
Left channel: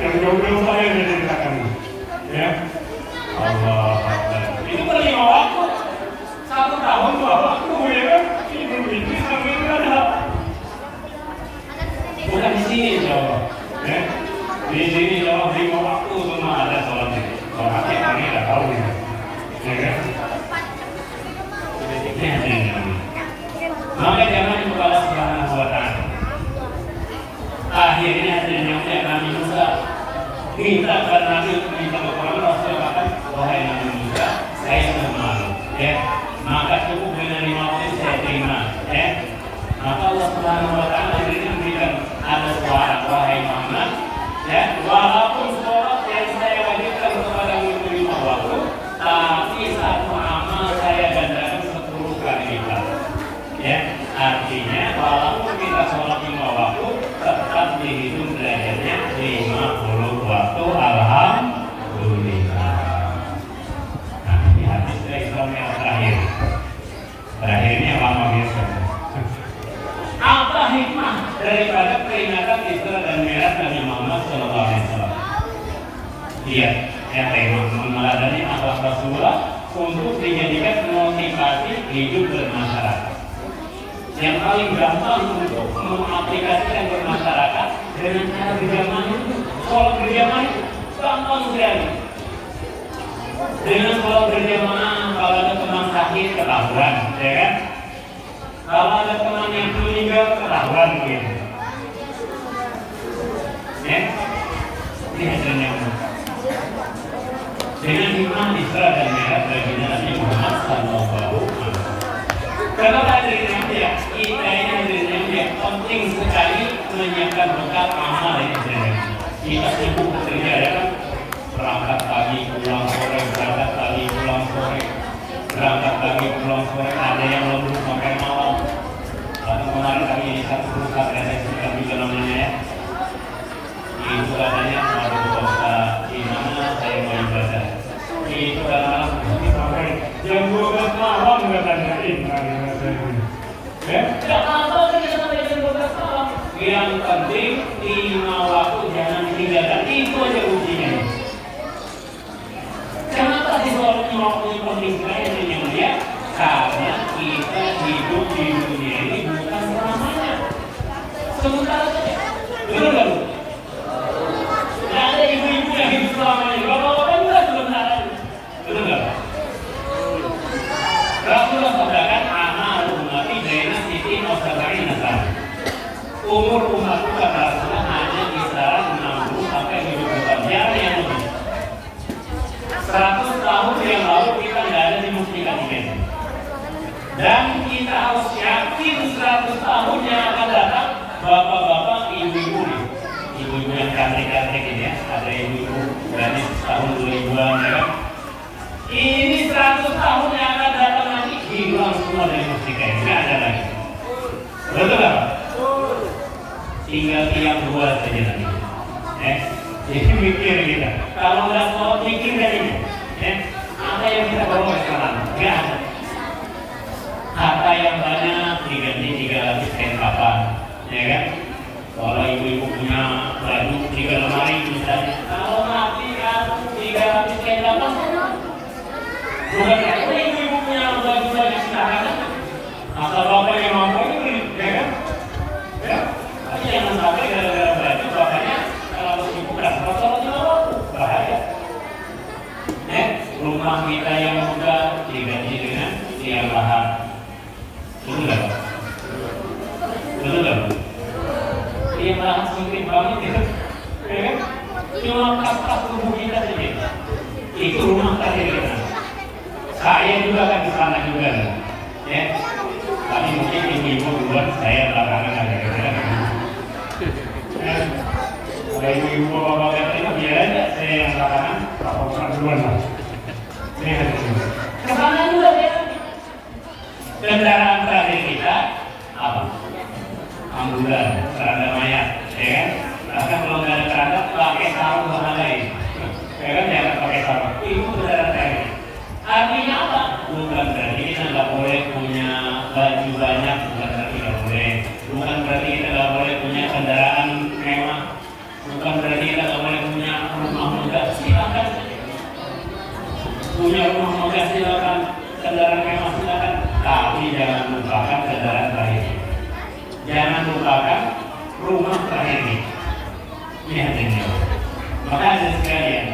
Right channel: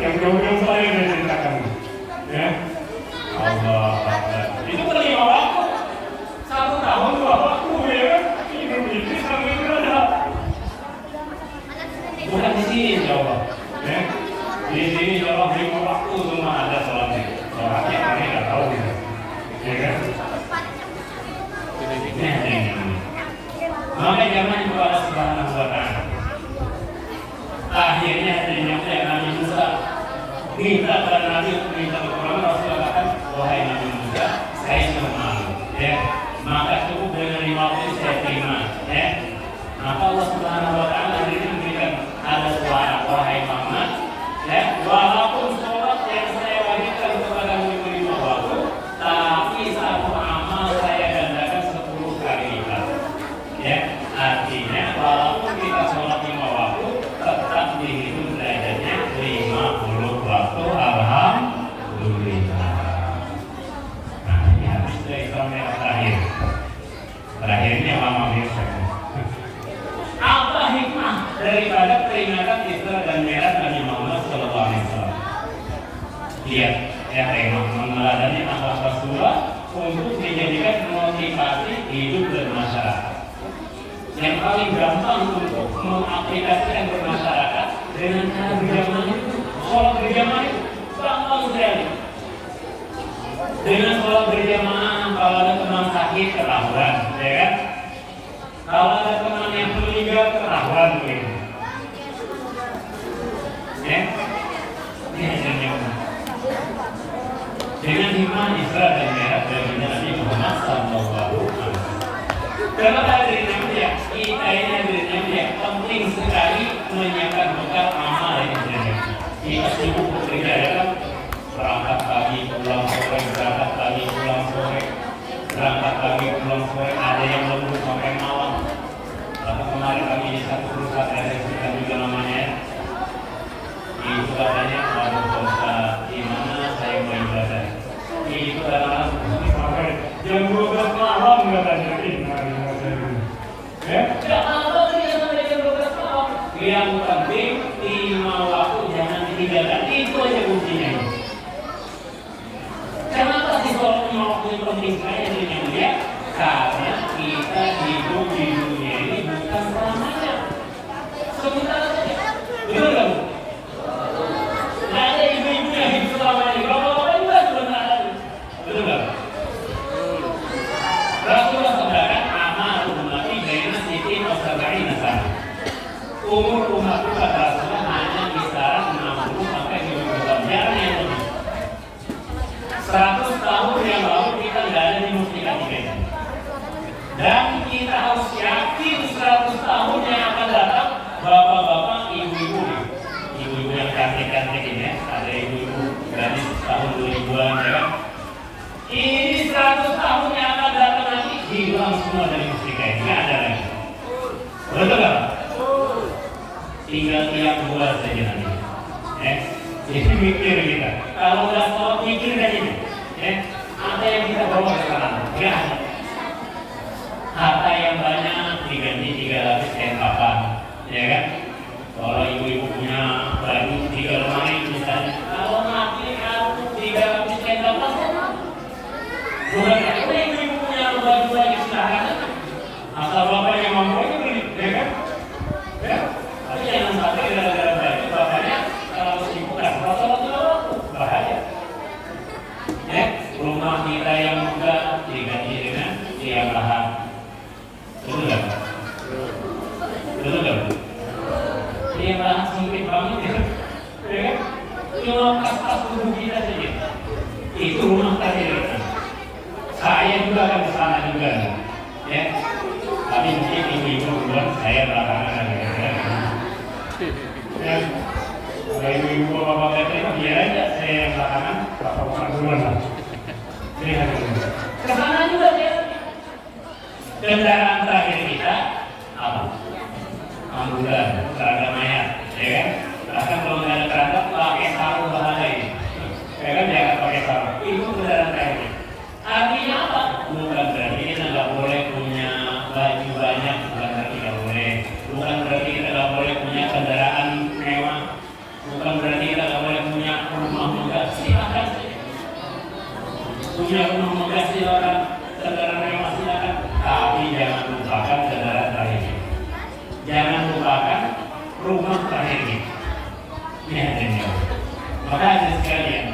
Yang belum saya sudah ceritakan. Ya. Allah Akbar. Itu menerima waktu 1 tahun 2 waktu ya. Ini sampai berapa? Bukan di sini insya Allah. Ya. Di sini insya Allah beri waktu cuma ada sholatnya. Sholatnya kami nggak tahu ya. Ya kan? Makanya jangan kepada Subhanahu wa Ta'ala. Akhirnya ternyata Nabi Musa minta pada Nabi, minta kepada Rasulullah, wahai Nabi Musa, saya sudah malu, ya. Maka cukup dengan 5 waktu saya terima, ya. Maka Allah Subhanahu wa Ta'ala memberikan ada suara, wahai Muhammad, ya. Walaupun sholat yang saya wajibkan kepada Nabi 5 waktu, tapi satu amal saya gandakan 10 kali lipat. Ya, artinya walaupun kita sholat 5 waktu tetap dihitung derajatnya 50 waktu. Alhamdulillah. Nah, ini hadis dari yang terakhir. Terakhirnya lama biasa. Apa hikmah daripada peringatan Isra dan Mi'raj Nabi Muhammad SAW? Iya, meneladani akhlak Rasulullah untuk dijadikan motivasi hidup bermasyarakat. Yang paling gampang untuk mengaplikasikan bermasyarakat dengan cara berjamaah itu, sholat berjamaah itu gampang sekali. Dengan sholat berjamaah, kalau ada teman sakit ketahuan, ya kan? Kalau ada teman yang meninggal ketahuan gitu. Ya, ini hasilnya. Dengan hikmah Isra dan Mi'raj bagi Nabi Muhammad SAW. Kalau ada dinamika, kita ini ada dinamika penting sekali menyiapkan bekal amal yang berbeda. Kita sibuk bekerja ya kan, berangkat pagi pulang sore, berangkat pagi pulang sore, berangkat pagi pulang sore. Ada yang lembur sampai malam. Kalau kemarin kami di satu perusahaan RSI kami juga namanya ya. Itu adanya ada dosa di mana saya beribadah. Itu adalah sampai jam 12 malam katanya ini. Apa saja sampai jam 12 malam. Yang penting 5 waktu jangan ditinggalkan. Itu aja ujinya. Kenapa sih soal 5 waktu penting sekali yang dia? Karena kita hidup di dunia ini bukan selamanya. Sebentar saja. Betul kan? Ada ibu-ibu yang hidup selamanya. Bapak-bapak juga sebentar. Betul kan? Rasulullah sampaikan amal ummati baina siti wa sab'ina sana. Umur umatku kata Rasulullah hanya kisaran 60 sampai 70 tahun yang lebih. 100 tahun yang lalu kita tidak ada di muslimat ini. Dan kita harus yakin 100 tahun yang akan datang, bapak-bapak, ibu-ibu, ibu-ibu yang cantik-cantik ini ya, ada ibu-ibu dari tahun 2000-an ya. Ini 100 tahun yang akan datang nanti hilang semua dari mustika ini, tidak ada lagi. Betul tak? Tinggal tiap 2 saja nanti. Jadi mikir kita. Kalau nggak mau mikir dari ini, apa yang kita bawa sekarang? Nggak ada. Harta yang banyak diganti 300 kain apa, ya kan? Kalau ibu-ibu punya baju 3 lemari misalnya, kalau mati aku 300 kain apa? Bukan apa ibu-ibu punya baju-baju silakan. Asal bapak yang mampu itu beli, ya kan? Ya, tapi jangan sampai gara-gara baju bapaknya kalau sibukkan fotonya bahaya. Ya, rumah kita yang muda diganti dengan tiang lahat. Betul tak? Betul tak? Tiang lahat sendiri banget ya. Ya kan? Cuma pas-pas tubuh kita saja. Itu rumah tadi kita. Saya juga kan kesana juga, ya. Tapi mungkin ibu duluan, saya belakangan ada kira-kira. Kalau ibu bapak itu biar aja, saya yang belakangan, bapak duluan lah. Saya ada sini. Kesana juga ya. Kendaraan terakhir kita apa? Ambulan, keranda mayat, ya. Bahkan kalau nggak ada keranda, pakai sarung bahasa lain. Ya kan jangan pakai sarung. Itu kendaraan terakhir. Artinya apa? Bukan berarti kita nggak boleh punya baju banyak, bukan berarti nggak boleh. Bukan berarti kita nggak boleh punya kendaraan mewah. Ini hadirnya. Maka hadirin sekalian,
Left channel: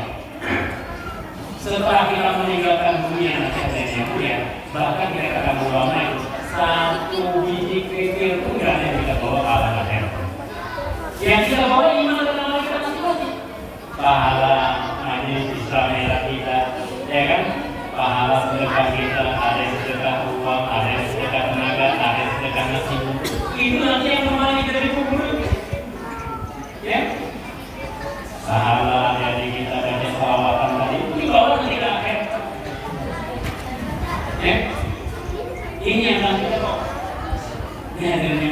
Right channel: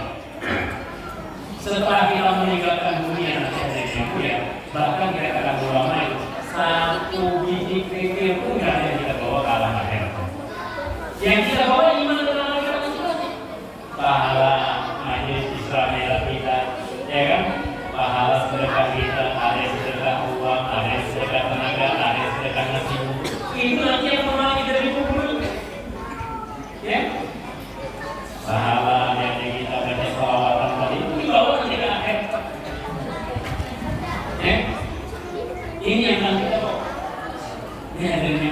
setelah kita meninggalkan dunia nanti hadirnya ya, bahkan kata ulama itu satu biji kerikil pun nggak ada yang kita bawa ke alam akhirat. Yang kita bawa iman dan amal kita masing-masing. Pahala hadis Islam kita, ya kan? Pahala sedekah kita, ada yang sedekah uang, ada yang sedekah tenaga, ada yang sedekah nasi. Itu nanti yang menemani kita di kubur. Ya? Pahala jadi kita banyak salawatan tadi itu dibawa nanti kita akhir. Ya? Ini yang nanti kita bawa. Ini hadirnya.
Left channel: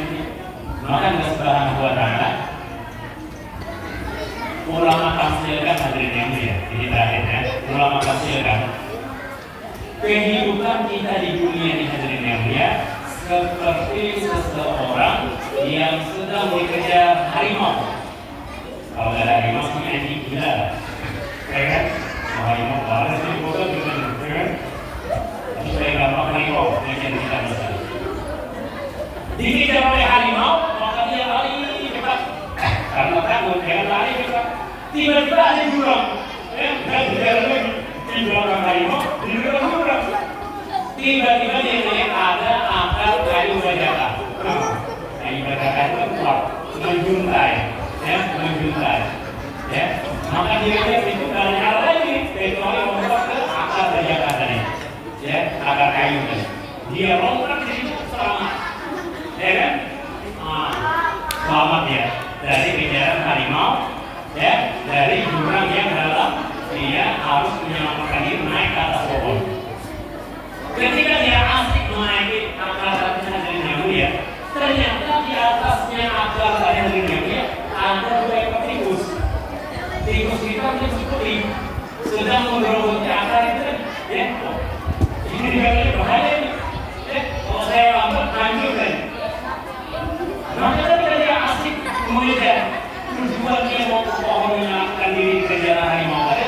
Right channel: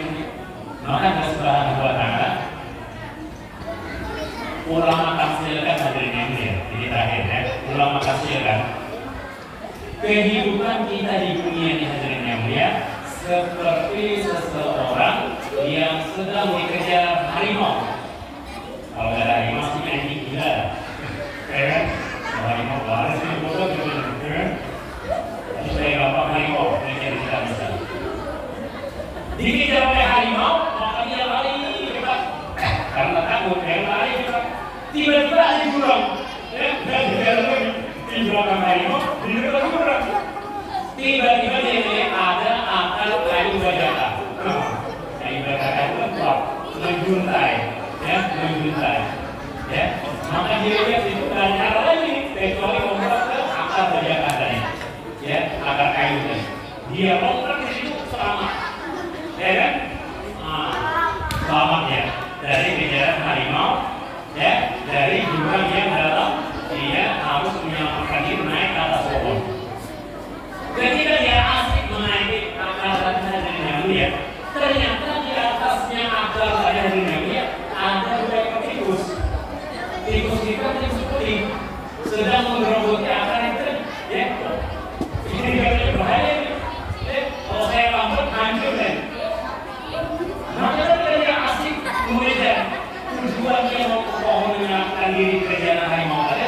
Maka Allah Subhanahu wa Ta'ala ulama tafsirkan hadirnya ini. Ini terakhirnya. Ulama tafsirkan kehidupan kita di dunia ini hadirnya dia seperti seseorang yang sedang dikejar harimau. Kalau ada harimau sih kayak gila, kan? Harimau balas di foto juga, kan? Supaya gampang harimau, mereka tidak bisa. Dikejar oleh harimau, maka dia lari cepat, karena takut dia lari cepat. Tiba-tiba ada jurang, dan di belakang harimau, di depan jurang. Tiba-tiba dia melihat ada akar kayu bajaka. Kayu bajaka itu kuat, menjuntai, ya, menjuntai. Ya, maka dia lihat itu gak nyala lagi, kecuali lompat ke akar bajaka tadi. Ya, akar kayu ini. Dia lompat di situ selamat, ya kan? Selamat ya dari kejaran harimau, ya, dari jurang yang dalam. Dia harus menyelamatkan diri naik ke atas pohon. Ketika dia asik menaiki akar dari Nabi ya, ternyata di atasnya akar dari Nabi ada dua ekor tikus. Tikus itu tikus putih sedang menggerogoti akar itu, ya. Ini dia berbahaya. Kalau saya lambat hancur kan. Maka ketika dia asik memilih tujuan dia mau ke pohon menyelamatkan diri ke jalan harimau tadi,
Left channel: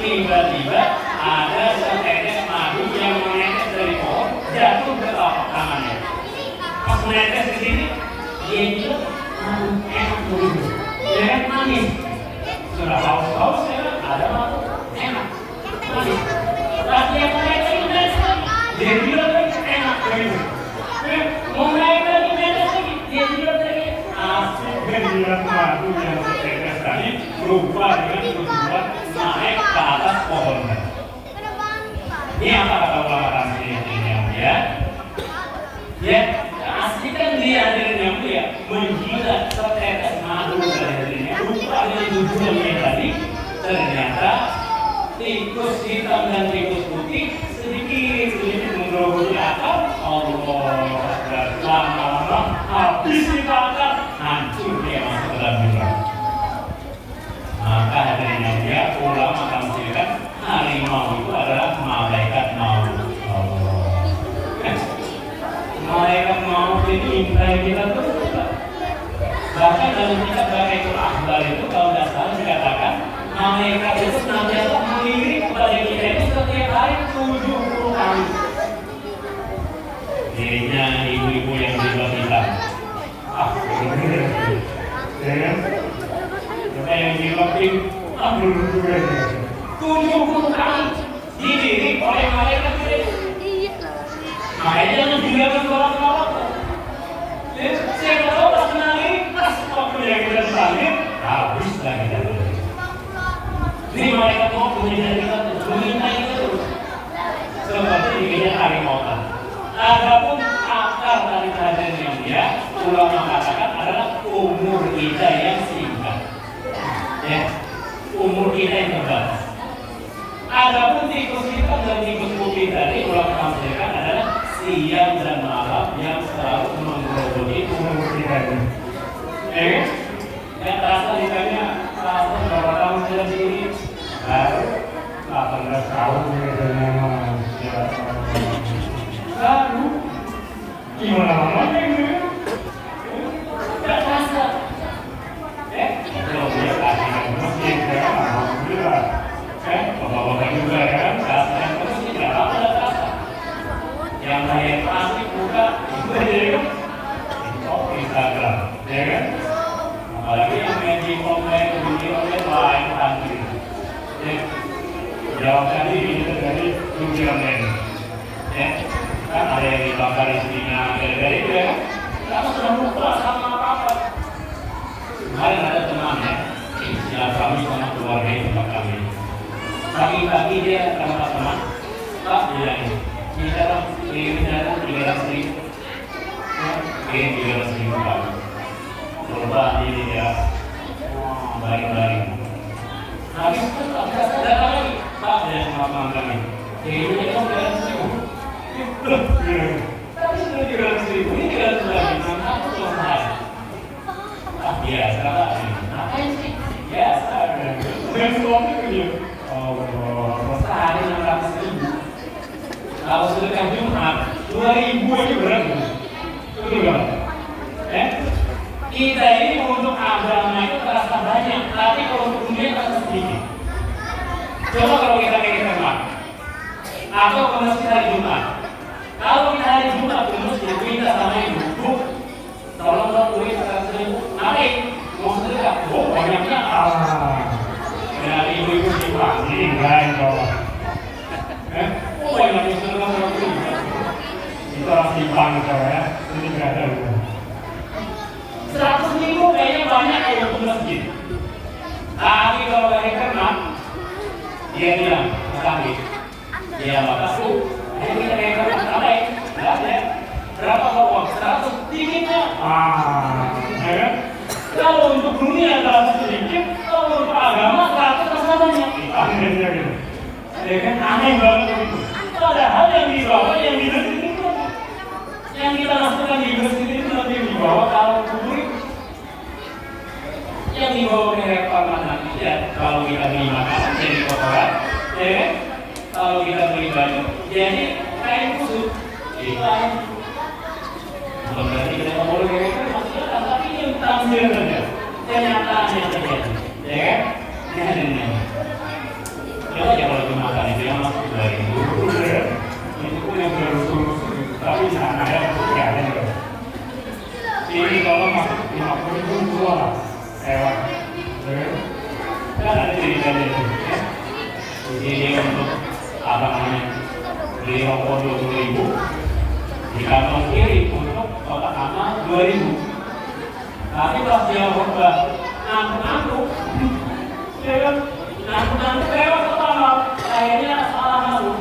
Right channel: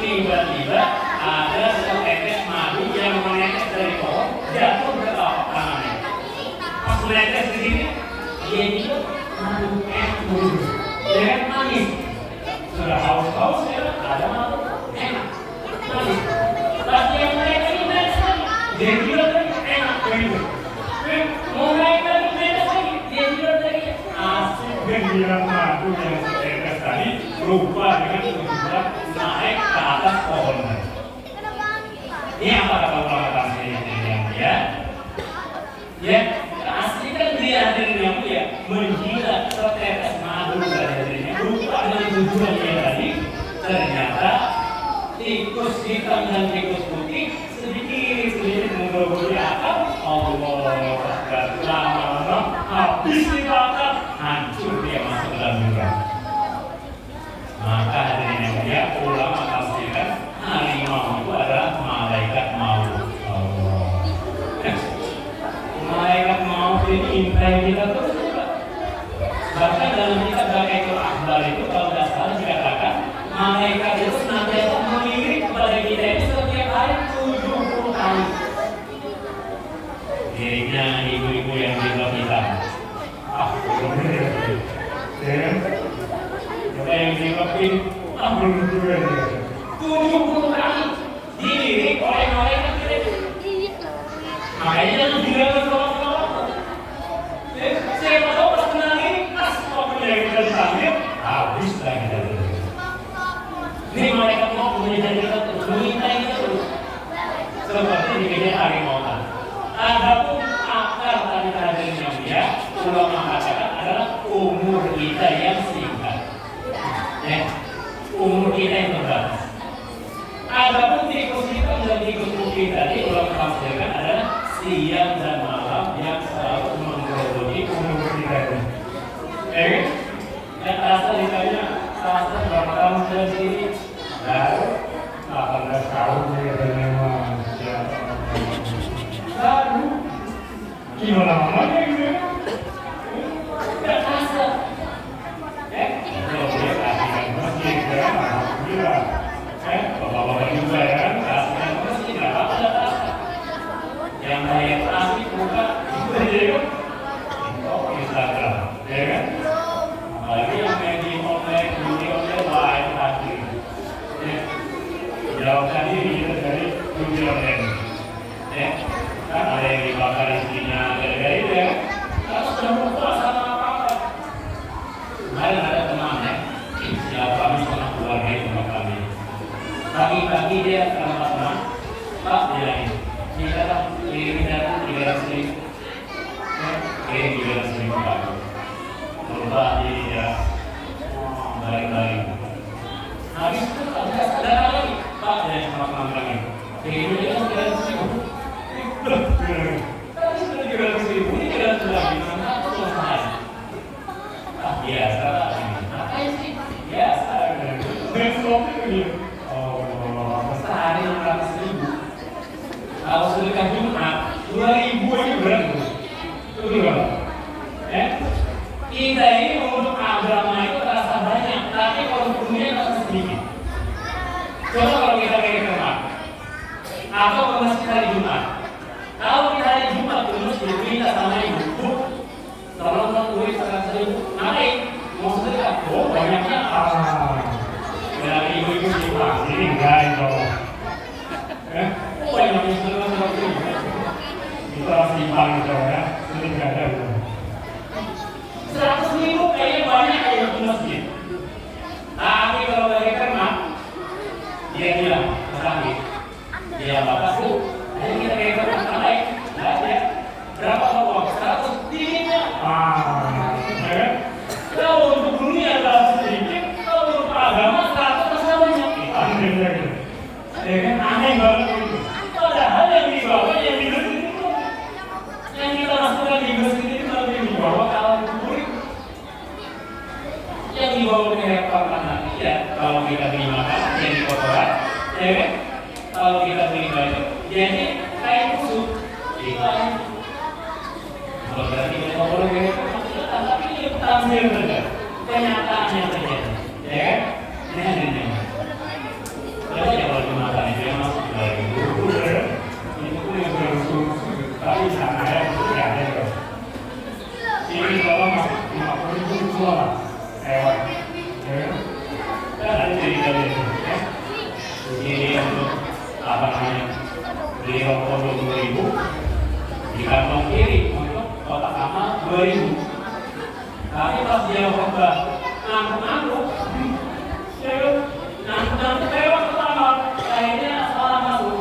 tiba-tiba ada setetes madu yang menetes dari pohon jatuh ke tangannya. Pas menetes di sini, dia bilang madu enak dulu, dia manis. Sudah haus-haus ya, ada madu enak, manis. Pas dia menetes itu menetes lagi, dia bilang enak begitu. Mau naik lagi menetes lagi, dia bilang tadi asik. Dan bilang madu yang setetes tadi lupa dengan tujuan naik ke atas pohonnya. Ini apa kata yang ya? Ya, asli kan dia dari yang dia menjilat setetes madu dari dirinya, lupa dengan tujuan dia tadi. Ternyata tikus hitam dan tikus putih sedikit menggerogoti atap. Allah, lama-lama habis dibakar, hancur dia masuk dalam jurang. Maka hadirin yang dia ulama tafsirkan harimau itu adalah malaikat maut. Allah. Malaikat maut ini intai kita terus juga. Bahkan dalam kitab Jami'ul Akhbar itu kalau tidak salah dikatakan malaikat itu senantiasa melirik kepada kita itu setiap hari 70 kali. Dirinya ibu-ibu yang jilbab hitam. Yang dimakin ambil juga ini. 70 kali dilirik oleh malaikat itu. Makanya jangan dilakukan selawat-selawat. Saya tahu pas kenalin, pas waktunya kita disalib, habis lagi dari itu. Ini malaikat mau menjadi kita meminta itu seperti dikejar harimau tadi. Adapun akar dari kajian yang dia ulama katakan adalah umur kita yang singkat. Ya, umur kita yang terbatas. Adapun tikus hitam dan tikus putih tadi ulama tafsirkan adalah siang dan malam yang selalu menggerogoti umur kita ini. Yang terasa ditanya terasa berapa tahun sudah di sini? Baru 18 tahun Baru gimana mana ini? nggak terasa. Kalau dia kasihkan masjid kan, alhamdulillah. Bapak-bapak juga kan, kasihkan masjid, nggak apa-apa. Yang lain asik muda itu aja kan. Instagram, ya kan? Apalagi yang main di online pagi-pagi dia teman-teman Pak bilangin kirim 300.000 kirim 300.000 Pak coba dia baik-baik habis itu datang lagi Pak dari sama lagi kirimnya kan 300.000 tadi sudah 300.000 ini 300 lagi mana aku belum saya biasa Pak ngapain sih biasa dan suami begini sehari 600.000 kalau sedekah Jumat 2.000 ini berapa? Betul kan? Kita ini untuk agama itu terasa banyak, tapi kalau untuk dunia terasa sedikit. Coba kalau kita ke rumah atau ke masjid hari Jumat. Kalau kita hari Jumat ke masjid kita sama ibu, Bu, tolong dong tulis 100.000. Ngapain? Mau sedekah? Oh banyaknya. Ya ibu-ibu sih Pak, ini lain tolong. Oh yang disuruh kita simpang ya, ini nggak ada uang. 100.000 kayaknya banyak ya untuk masjid. Tapi kalau bayar kena, dia bilang sakit. Dia batas Bu, ayo kita bayar kena sama ya. Berapa uang? 100 tingginya. Kalau untuk dunia 100 sedikit, kalau untuk agama 100 terasa banyak. Aneh banget itu. Padahal yang dibawa yang dibersihkan itu, yang kita masukkan dibersihkan itu lebih dibawa kalau kubur itu, yang dibawa ke rekor nanti ya. Kalau kita terima kasih jadi kotoran, ya. Kalau kita terima jadi kain busuk, itu aja. Kalau berarti kita boleh maksudnya tapi yang tampil saja, kenyataannya saja, ya. Ini. Ya kalau dimakan dia masuk lagi itu yang berusul tapi sana ya tidak ada ini kalau masuk 50 itu keluar kan ada cerita itu jadi untuk apa namanya beli rokok 20.000 di kantong kiri untuk kotak amal 2.000 tapi pas dia berubah ngantuk ngantuk lewat pertama akhirnya salah masuk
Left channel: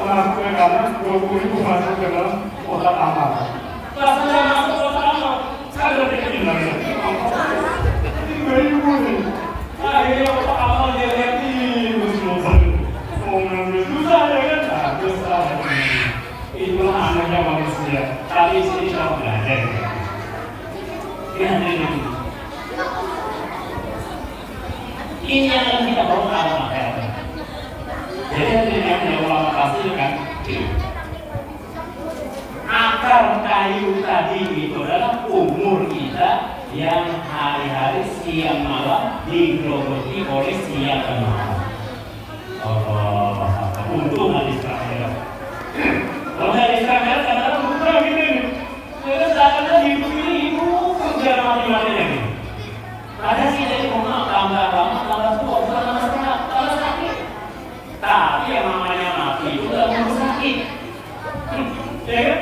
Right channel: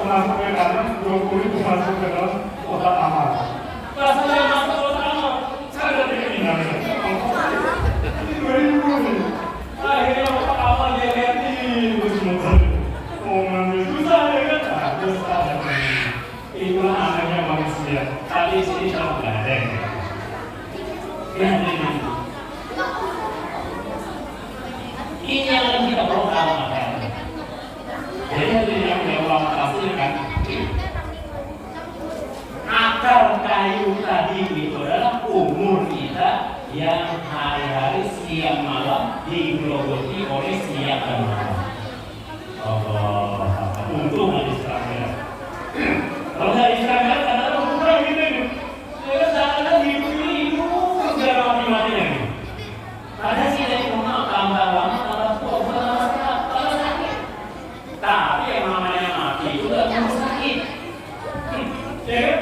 masuk ke dalam 20.000 masuk ke dalam kotak amal pas saya masuk kotak amal saya berpikir lagi ini 2.000 nih akhirnya kotak amal dia lihat terus mau ngambil susah ya kan susah itulah anehnya manusia tapi sini kalau belajar ini yang kita perlu amalkan. Jadi yang Allah hasilkan akar kayu tadi itu adalah umur kita yang hari-hari siang malam digerogoti oleh siang dan malam. Allah, untung hadis Israel. Kalau hadis Israel adalah untung ini. Saya hidup ini hidup kerja mati-mati lagi. Padahal sih dari rumah tambah lama tambah tua bukan tambah sehat tambah sakit. Tapi yang namanya mati itu nggak mau sakit. Ya kan?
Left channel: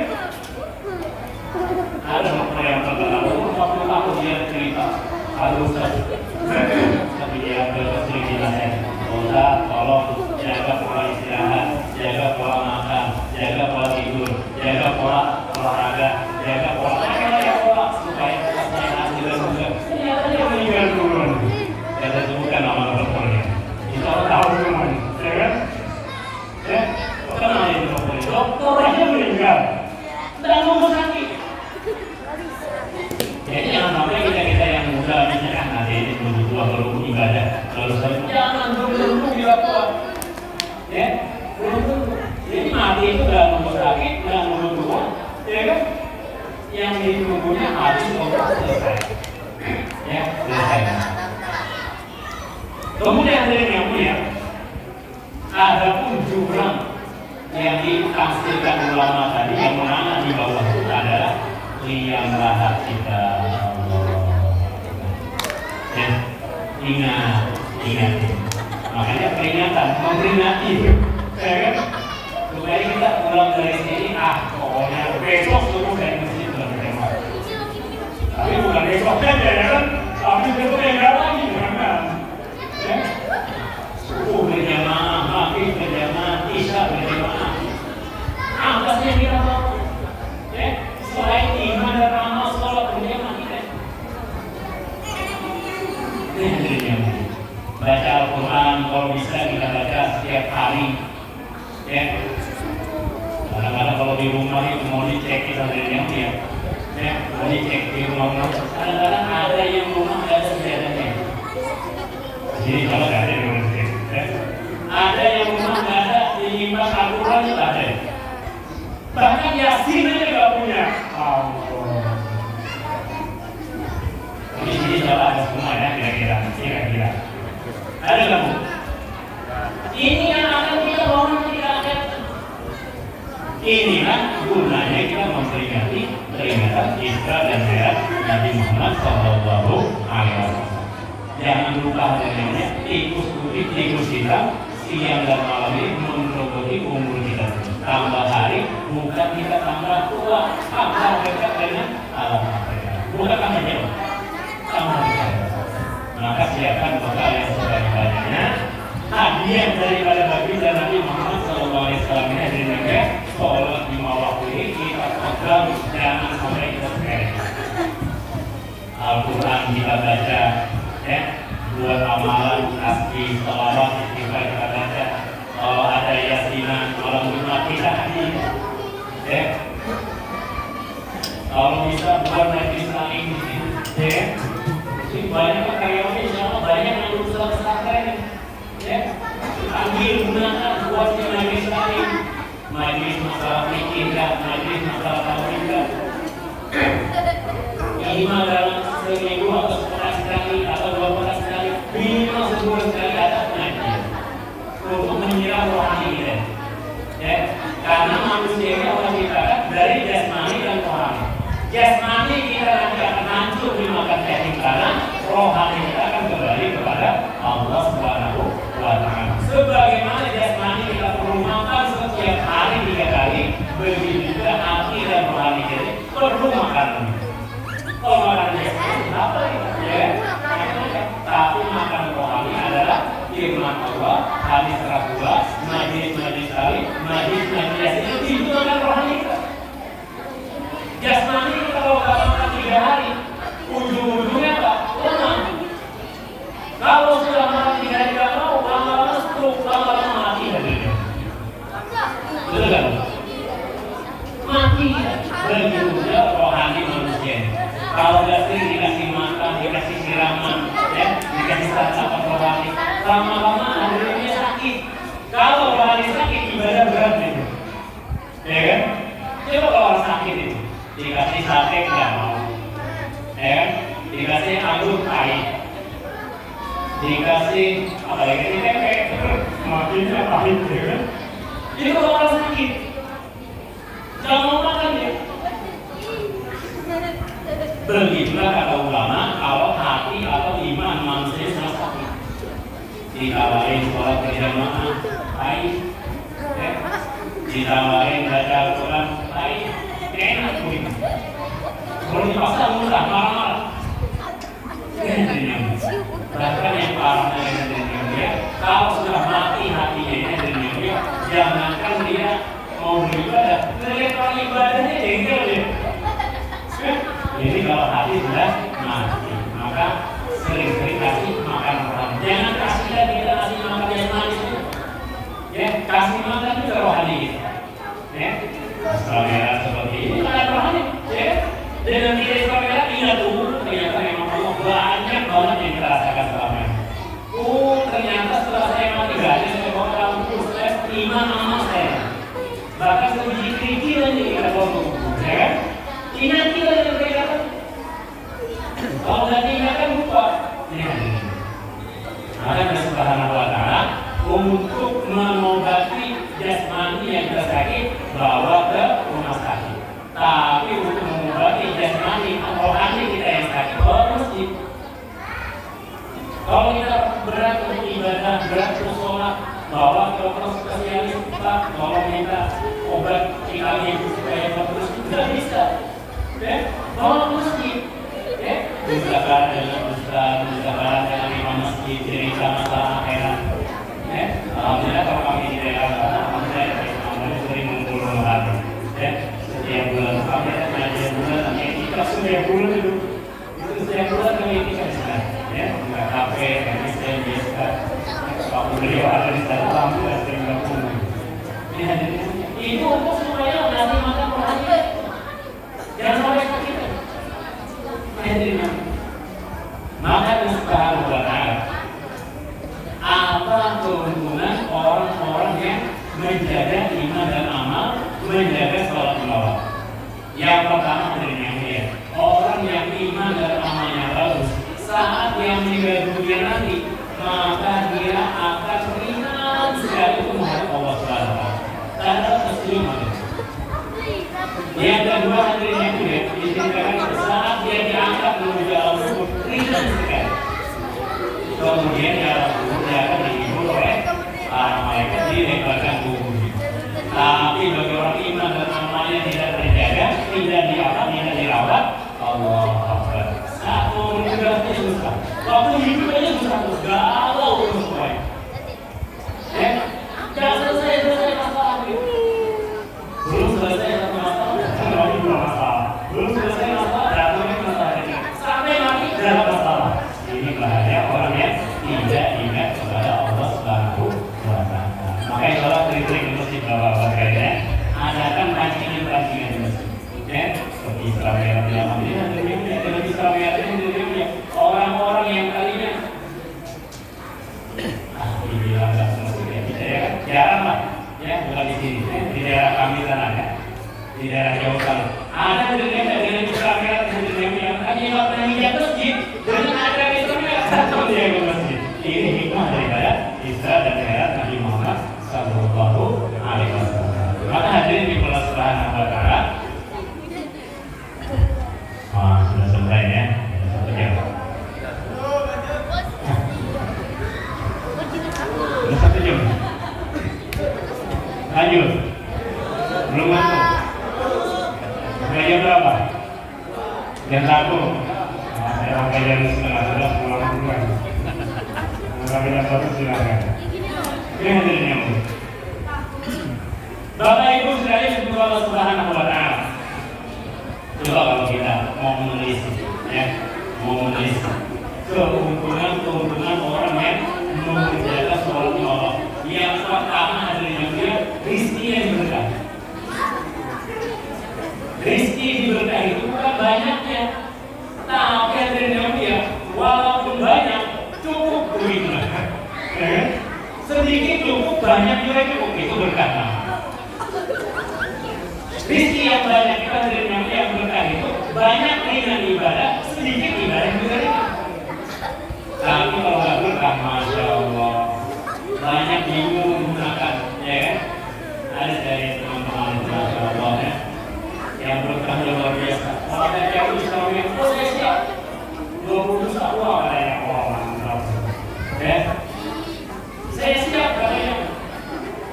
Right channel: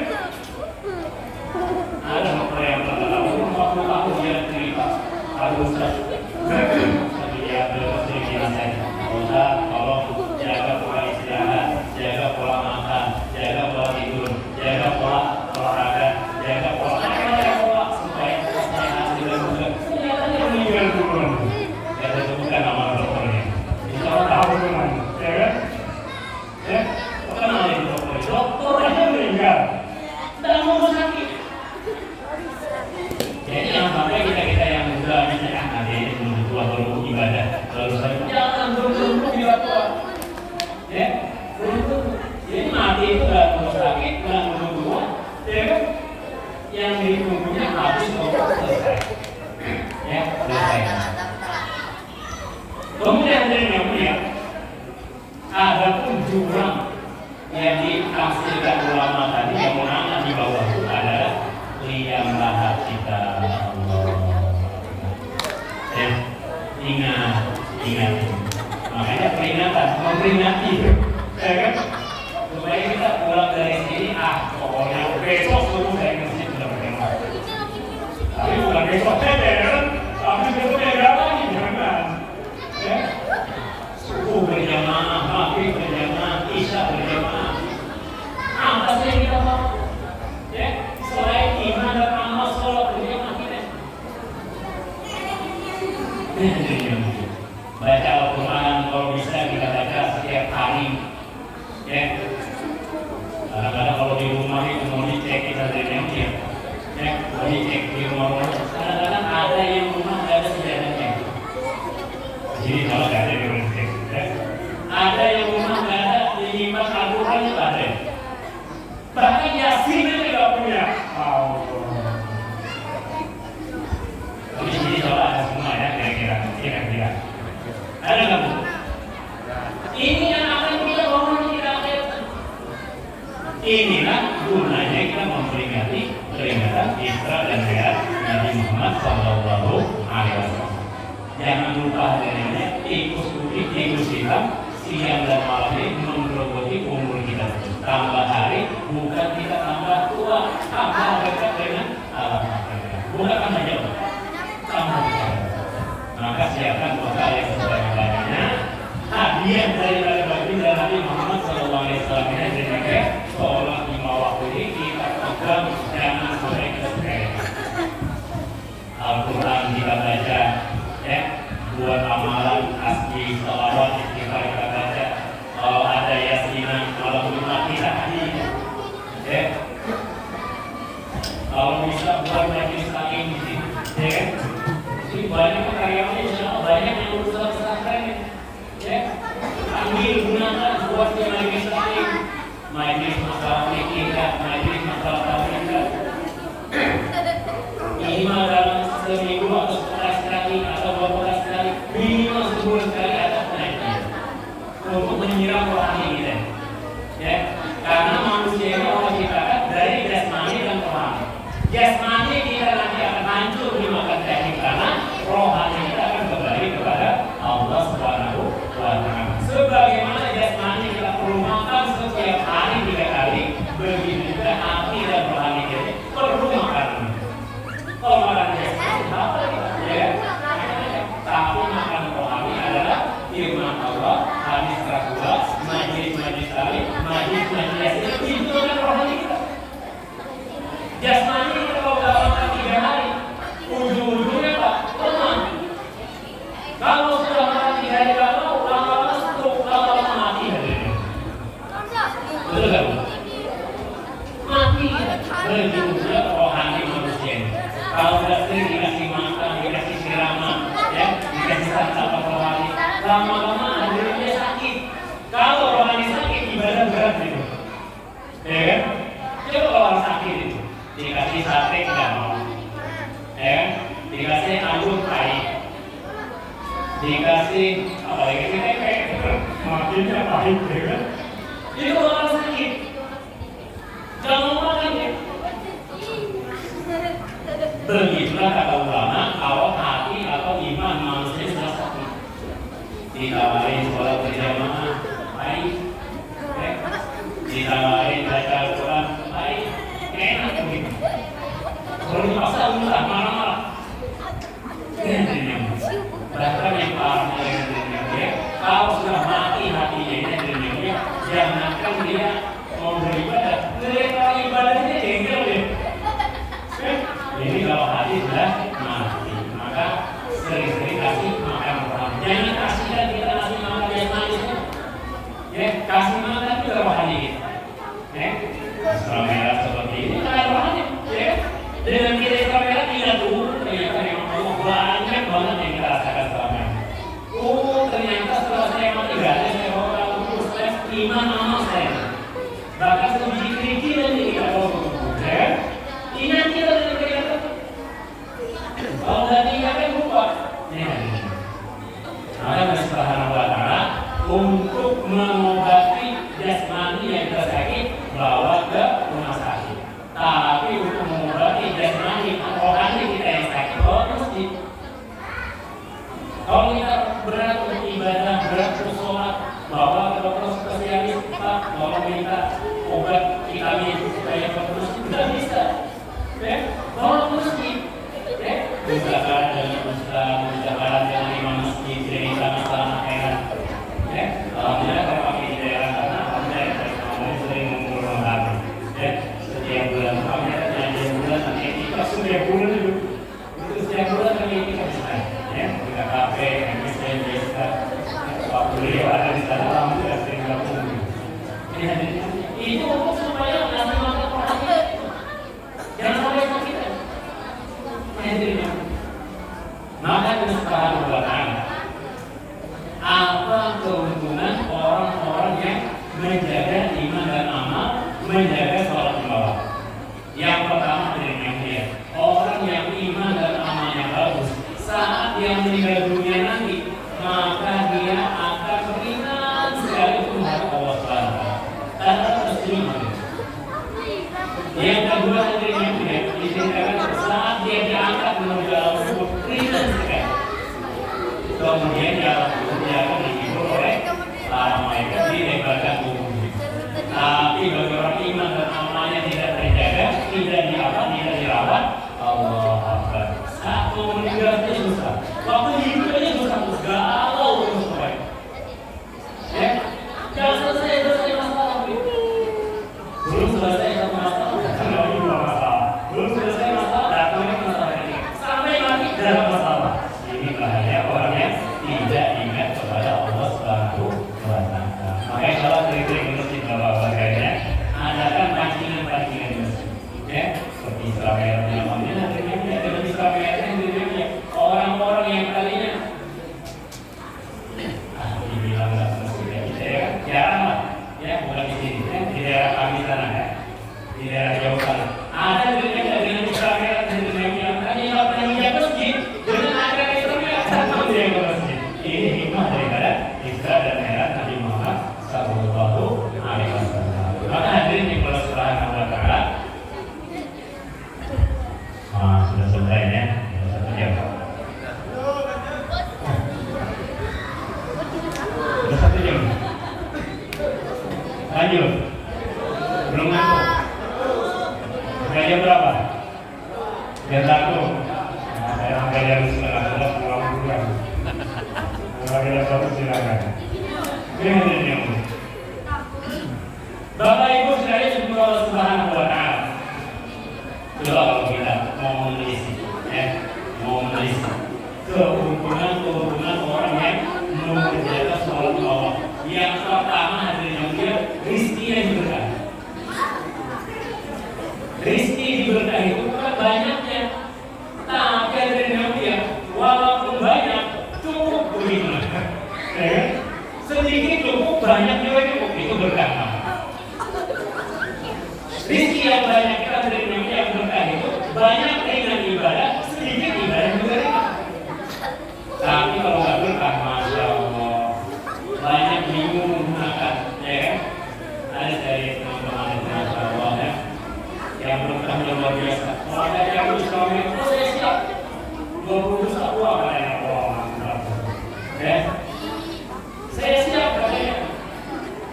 Ada dokter yang terlalu 50 tahun dia cerita harus tapi dia sering bilang saya Ustaz tolong jaga pola istirahat, jaga pola makan, jaga pola tidur, jaga pola olahraga, jaga pola macam-macam pola supaya sehat juga. Ternyata meninggal duluan. Saya sebutkan nama dokternya. Insya Allah tahu semua, ya kan? Ya, kenal itu dokter. Dokter aja meninggal, tidak mau sakit. Jadi jangan sampai kita yang muda misalkan ada ini belum tua baru ibadah lalu saya jangan belum tidak tua, ya belum. Jadi mati itu nggak mau sakit, nggak mau tua, ya kan? Yang ditunggunya habis untuk selesai. Ya, selesai. Kemudian berikutnya ada pun jurang yang ditafsirkan ulama tadi yang mana di bawah itu adalah liang kita Allah. Ingat. Makanya peringatan, memperingati, ya kan? Supaya kita pulang dari sini, pokoknya besok suruh dari masjid berjamaah. Tapi bukan besok saja ya kan? Tapi besoknya nggak lagi, kan? Suruh berjamaah, Baca Al-Quran kalau bisa kita baca setiap hari, ya. Karena kalau di rumah itu mau dicek kita dari ya, mau dicek di rumah. Kadang-kadang ada yang rumah nggak ada sejadahnya. Jadi kalau ada yang rumah, ada yang rumah nggak ada dilimpat Al-Quran itu ada. Bahkan Yasin aja nggak punya. Di sini coba ada semua ya, kira-kira. Ada nggak Bu? Ini yang akan kita bangun di rakyat. Inilah gunanya kita memperingati peringatan Isra dan Mi'raj Nabi Muhammad Shallallahu Alaihi Wasallam. Jangan lupa adanya ikusilah siang dan malam ini memperoleh umur kita. Tambah hari, bukan kita tambah tua, tambah kita dengan bukan hanya tambah kita. Maka siapkan bekal yang sebanyak-banyaknya. Hadiah daripada baginda Nabi Muhammad SAW ini dari sholat 5 waktu ini kita pegang, jangan sampai kesepian. Al-Quran kita baca, ya, buat amalan asli sholawat istighfar kita baca. Kalau ada yasinan malam Jumat kita hadiah, ya. Kalau bisa buat majelis taklim di sini, ya. Banyak karyawannya di sana, banyak yang lulusan pesantren, ya. Ambil gunakan buat di majelis taklim, majelis masalah fikih, majelis masalah tauhid. Ini mah dalam seminggu atau sekali atau 2 bulan sekali, minimal sebulan sekali ada pengajian untuk menyiram rohani kita, ya. Karena manusia ini Allah ciptakan dari jasmani dan rohani. Jasmani kita nanti akan hancur dimakan cacing tanah, rohani kita akan kembali kepada Allah Subhanahu wa Ta'ala. Sebagaimana jasmani kita perlu makan setiap hari 3 kali, begitu juga hati dan rohani kita perlu makan. Kalau makan jasmani apa lagi? Ya, tapi makan rohani adalah firman Allah, hadis Rasulullah, majlis tali, majlis yasin, itu adalah rohani kita. Jasmani kita kalau nggak makan 3 hari, ujung-ujungnya apa? Lemah. Kalau sudah makan 3 hari nggak mau, lama-lama stroke, lama-lama mati hadirin. Betul kan? Mati. Begitu juga rohani manusia. Kalau sudah sering dikasih makan, dikasih siraman, ya, dikasih santan rohani, lama-lama hadirinnya sakit. Kalau rohani sakit, ibadah berat itu. Ya kan? Coba kalau sakit itu dikasih sate nggak mau, dikasih anggur pahit, dikasih apa ya ini kayak makinnya pahit, ya. Itu orang sakit, jangan mau makan ya. Begitulah kata ulama, kalau hati atau iman manusia sudah sakit, dikawain sholat berjamaah pahit, dikawain baca Al-Quran pahit. Enak begitu. Kalau dipaksa enggak marah. Bahkan yang parah ya, kalau sudah mati hatinya dari jangankan dia mau beribadah, ngelihat orang ibadahnya jengkel deh. Jadi kalau hati sudah mati, maka sering-sering kasih makan rohani. Jangan kasihkan kita nasi makan jasmani, ya, kasih makan juga rohani. Kamera seperti ini bukan rohani, ya. Dengan kita kamera lihat dulu ternyata memang Allah banyak banget yang dirasakan selama ini. Ternyata setelah saya mati gak saya bawa lampu stres 5 amal saya. Bahkan sedikit ini kita bawa, ya. Ingat kita dari mereka. Kalau nggak ingatkan lupa. Allah Subhanahu wa Ta'ala untuk mengobati jasmani yang kita sakit bawa ke rumah sakit. Tapi untuk mengobati jasmani rohani kita yang sakit bawa ke masjid. Kalau kita berat untuk ibadah, berat untuk sholat, bawa ke dokter spesialis, Pak, bawa minta obat vitamin supaya bagus, tidak bisa. Bawa ke masjid. Usaha dengan usaha dengan imam masjid, jadi sama-sama enak. Alhamdulillah kalau kami di daerah sana, alhamdulillah kami sering mengumpul hati. Setiap bulan kami ada pengajian bulan, kami ikut setiap bulan itu setiap bulan kami ikut di sana. Enggak kafe, kedua hadirin itu ya, diceritakan saat dia diangkat menuju dalam kubur ringan sekali. Kemudian dia akan dihibur oleh para malaikat dilebarkan kuburnya. Tapi bagi orang iman dan amalnya tidak terjaga, tidak dirawat, Allah Akbar. Saat mau meninggalnya susah, waktu hidup aja susah, terus galau terus baik. Jangan selesai masalah ini. Belum selesai satu masalah, belum selesai masalah, dan ini masalah ini. Sampai mati dalam masalah. Ini bahaya orangnya tidak ingat kepada Allah Subhanahu wa Ta'ala. Makanya kalau kering-kering mesti bawa pakaiannya, adakan pancingan-pancingan masjid. Seperti Israel yang namanya, dan Israel itu orang-orang yang kalinya jarang ya, bukan di sini, di daerah kami sana ya, di daerah Jawa sana. Ada dengan Israel yang tadi nggak pernah hijab masjid dengan ajaran Israel datang dia ke masjid. Ini hikmah daripada Isra dan Mi'raj Nabi Muhammad Sallallahu Alaihi Wasallam. Maka hadirin di kelas Al-Baqarah. Sudah selesai ya, satu jam. Sudah satu jam. Lanjut. Belum ngantuk. Saya berapa? Dan aku. Saya pakai dari setelah sudah pulang bulan. Kalau kita terus silakan. Ini hasilnya. Bapak Ibu sekalian semoga Allah Subhanahu wa Ta'ala. Coba kalau kita mau menelisik, mau menelisik keuntungan orang yang mengerjakan soal Allah. Yang pertama adalah dia rizki yang berkah. Rizki diberkahi itu bukan banyaknya, tapi adalah dia walaupun banyak cukup beriman. Sedikit cukup, banyak juga cukup, itu berkah. Rizki yang banyak itu adalah yang berkah itu banyak dengan ibadah, sedikit ibadah juga. Tapi kalau nggak berkah, masya Allah, banyak bingung menggunakan, ya kan? Ada dari teman-teman masya Allah ya, yang berkah luar biasa. Kalau ada yang berusaha bilang, oh saya siap 20 dosa uang katanya, oh mantap. Saya siap katanya,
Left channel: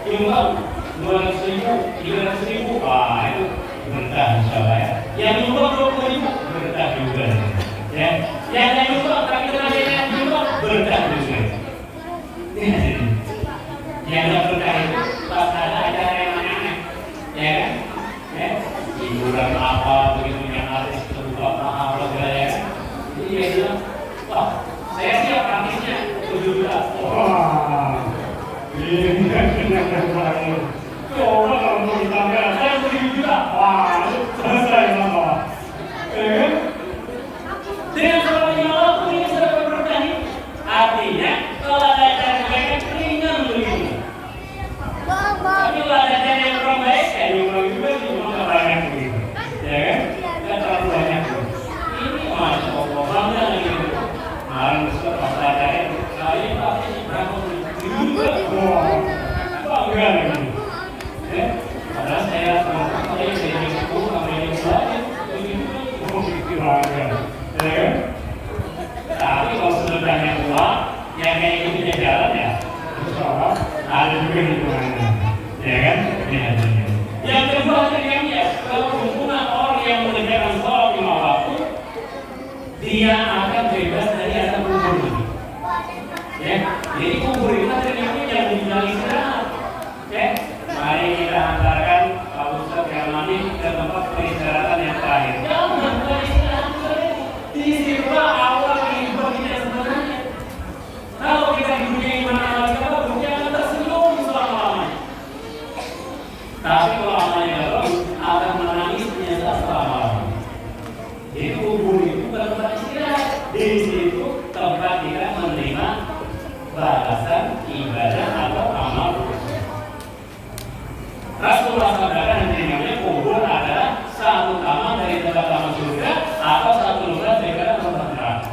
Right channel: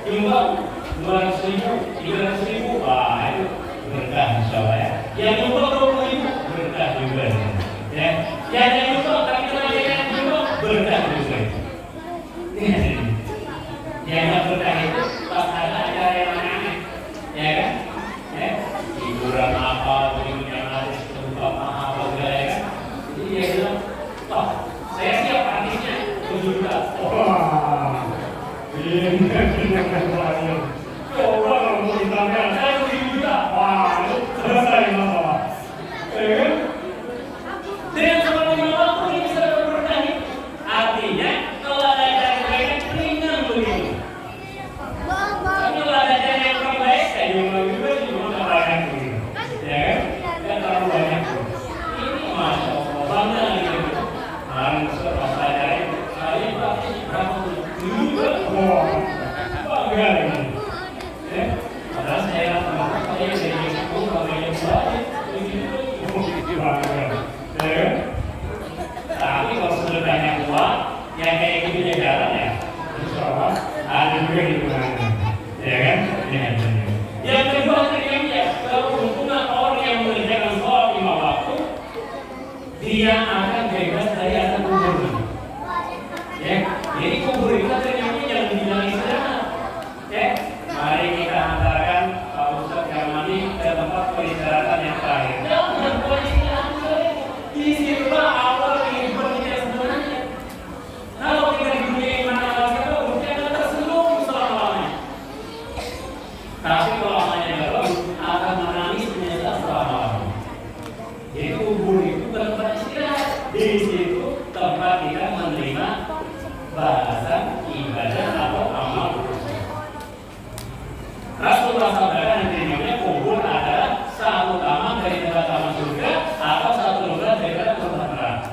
jumlah 200.000, 300.000, wah itu berkah insya Allah ya. Yang jumlah 20.000 berkah juga, ya. Yang jumlah tapi kenal yang jumlah berkah juga. Yang nggak berkah itu pas ada acara yang aneh-aneh, ya kan? Hiburan apa, begitu yang artis terbuka apa segala ya. Jadi dia bilang, wah saya siap artisnya 7 juta. Wah, ini coba kalau mau ditambah, saya 7 juta. Wah, selesai masalah. Dengan seperti waktu ini bisa dapat berkah. Artinya kalau ada acara yang ringan begitu. Tapi kalau ada acara yang kurang baik, saya diulang juga nggak banyak begitu. Ya kan? Tidak terlalu banyak. Ini masya Allah bangga gitu. Kemarin setelah pelajaran, saya pasti berapa juga. Bangga gitu. Padahal saya jadi sepuluh sama yang lain. Tapi kalau sudah banyak uang, yang kayak gini jalan ya, insya Allah ada juga di mana, ya kan? Yang kedua terjadi kalau hubungan orang yang mengerjakan sholat 5 waktu, dia akan bebas dari azab kubur. Ya, jadi kubur itu terjadi jangan dibilang istirahat. Ya, mari kita antarkan Pak Ustadz yang mandi ke tempat peristirahatan yang terakhir. Jangan beristirahat di situlah awal kehidupan kita sebenarnya. Kalau kita di dunia iman amal siapa, dunia akan tersenyum selama-lamanya. Tapi kalau amalnya nggak bagus, akan menangis menyesal selama-lamanya. Jadi kubur itu bukan tempat istirahat. Di situ tempat kita menerima balasan ibadah atau amal. Rasulullah SAW yang kubur adalah satu taman dari tempat taman surga atau satu lubang dari tempat neraka.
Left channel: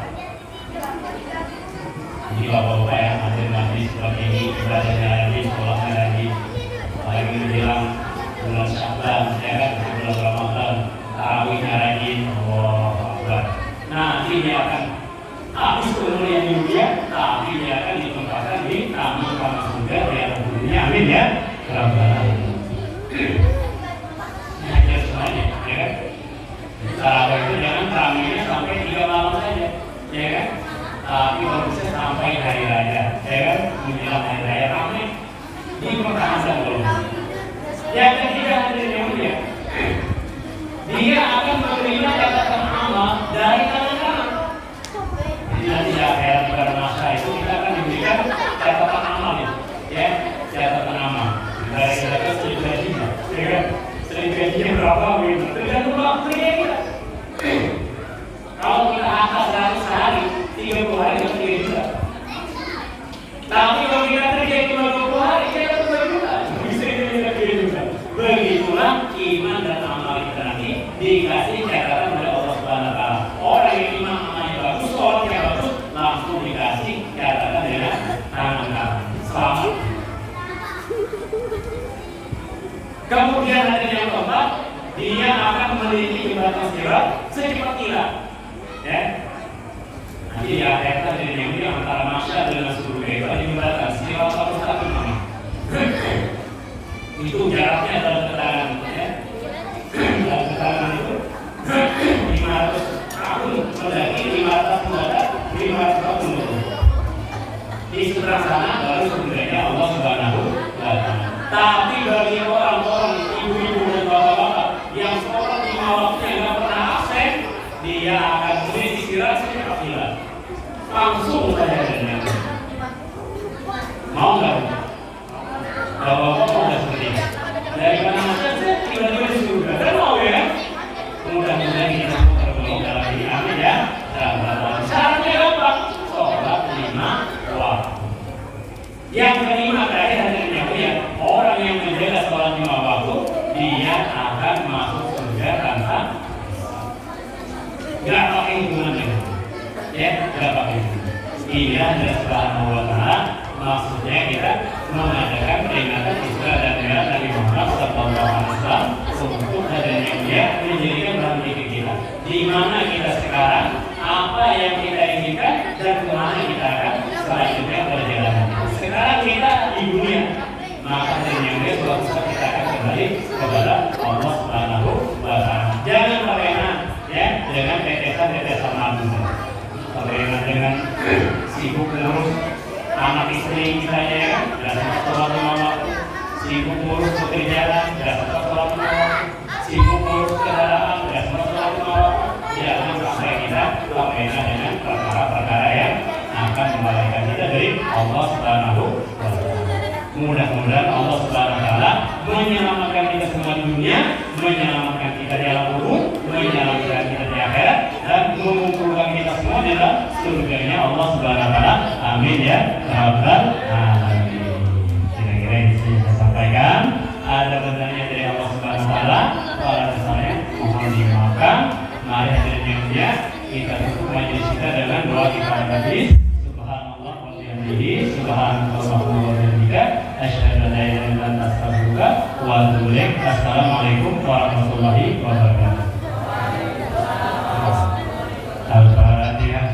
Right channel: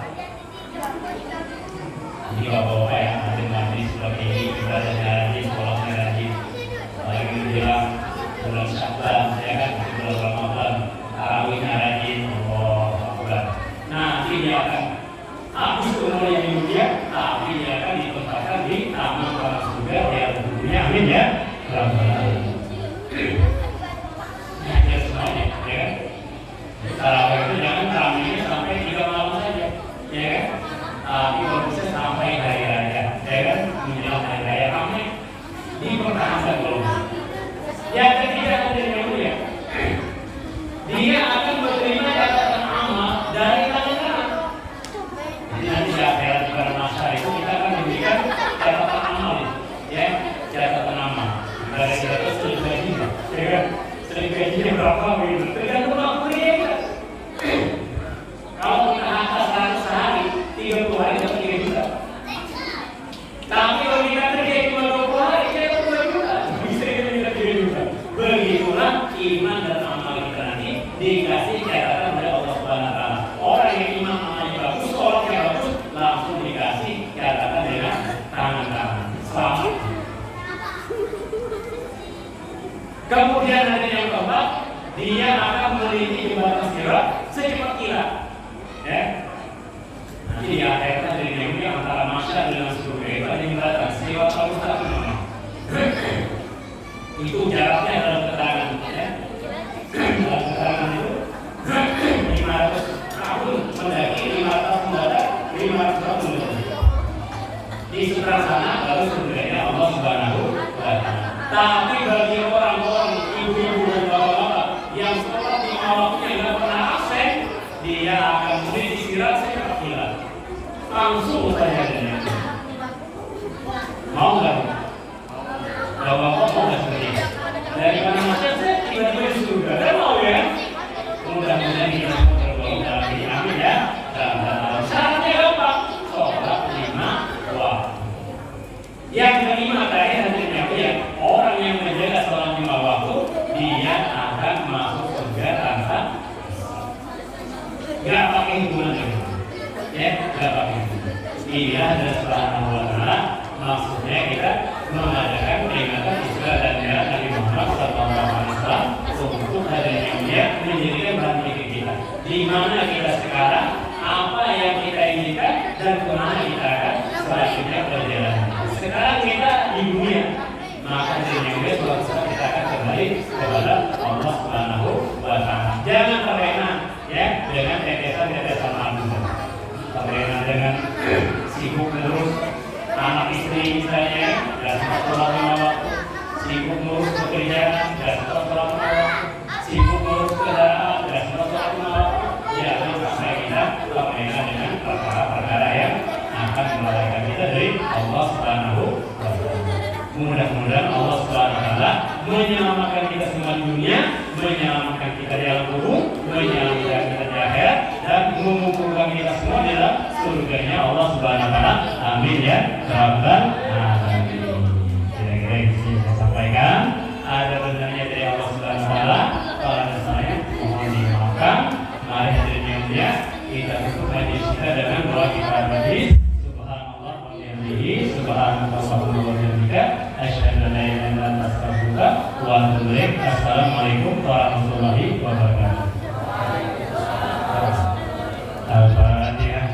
Jadi bapak-bapak yang ada nanti seperti ini ibadahnya lagi, sholatnya lagi, lagi menjelang bulan Sya'ban, ya kan, bulan Ramadan. Kemudian ada yang keempat, dia akan melintasi jembatan sirat secepat kilat. Ya. Nanti di akhirat ada yang mulia antara masyarakat dengan surga itu ada jembatan sirat mustaqim. Itu jaraknya dalam keterangan, ya. Dalam keterangan itu 500 tahun mendaki, 500 mendadak, 500 tahun mendaki. Di seberang sana baru surganya Allah Subhanahu wa Ta'ala. Tapi bagi orang-orang ibu-ibu dan bapak-bapak yang sholat di waktunya nggak pernah absen, dia akan melintasi sirat secepat kilat. Langsung saja dengan mau nggak? Bapak-bapak udah sendiri. Dari mana saja tiba-tiba di surga. Kan mau ya? Mudah-mudahan kita semua tergolong dalam ini. Amin ya. Syaratnya gampang. Sholat 5 waktu. Yang kelima tadi hadisnya ya, orang yang menjaga sholat 5 waktu, dia akan masuk surga tanpa nggak pakai hubungan itu. Ya, nggak pakai hubungan. Dia adalah Subhanahu wa Ta'ala. Maksudnya kita mengadakan peringatan Isra dan Mi'raj Nabi Muhammad SAW untuk adanya dia menjadikan bahan kita. Di mana kita sekarang, apa yang kita inginkan dan kemana kita akan selanjutnya berjalan. Sekarang kita di dunia, maka dengan dia suatu saat kita akan kembali kepada Allah Subhanahu wa Ta'ala. Jangan terlena ya dengan tetesan-tetesan lambung. Terlena dengan sibuk ngurus anak istri misalnya, dan sempat sholat 5 waktu, sibuk ngurus pekerjaan, dan sempat sholat 5 waktu, sibuk ngurus kendaraan, dan sempat sholat 5 waktu. Jangan sampai kita terlena dengan perkara-perkara yang akan melalaikan kita dari Allah Subhanahu wa Ta'ala. Mudah-mudahan Allah Subhanahu wa Ta'ala menyelamatkan kita semua di dunia, menyelamatkan kita dalam burung, menyelamatkan kita di akhirat, dan mengumpulkan kita semua di dalam surganya Allah Subhanahu wa Ta'ala. Amin ya rabbal alamin. Kira-kira yang bisa saya sampaikan, ada benarnya dari Allah Subhanahu wa Ta'ala. Para saya mohon dimaafkan. Mari hadirin dia kita tutup majlis kita dengan doa kita tadi. Subhanallah wa bihamdihi, subhanallah wa bihamdihi, asyhadu an la ilaha illa anta astaghfiruka wa atubu ilaik. Assalamualaikum warahmatullahi wabarakatuh. Al-Fatihah.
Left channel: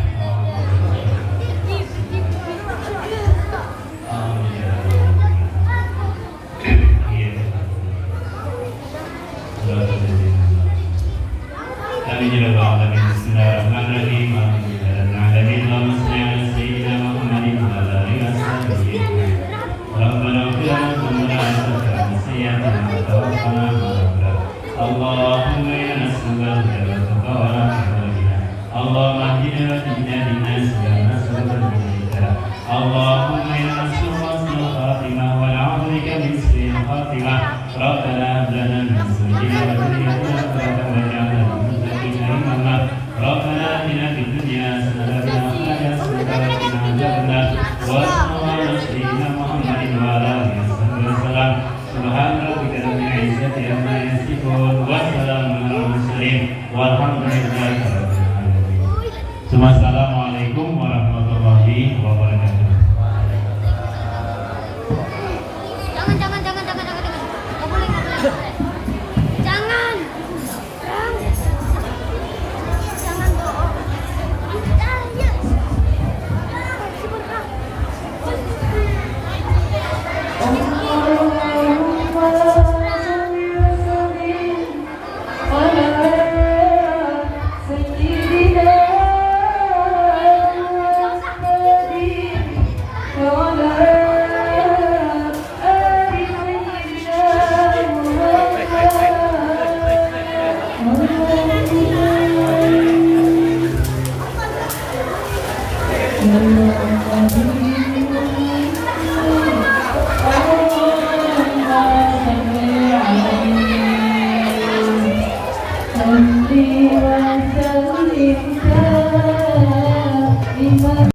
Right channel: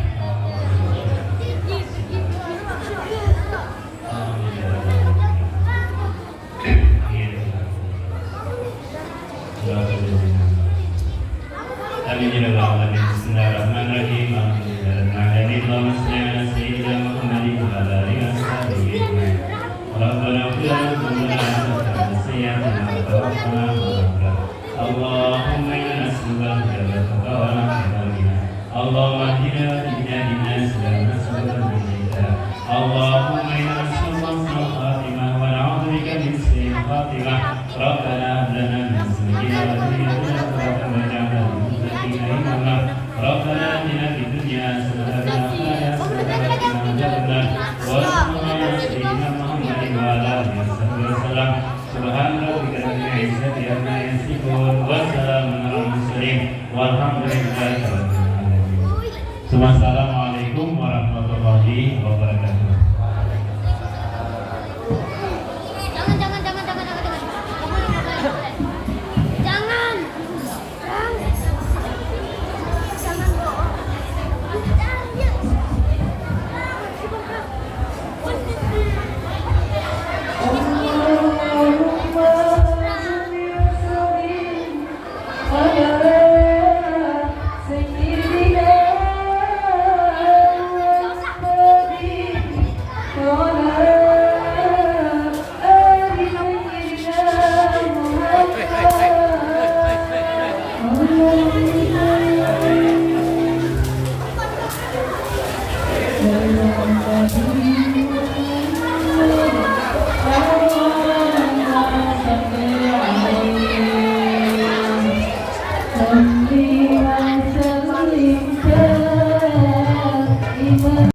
Wassalamualaikum warahmatullahi wabarakatuh. Jangan. Nggak boleh. Jangan. Jangan bohong. Thank you.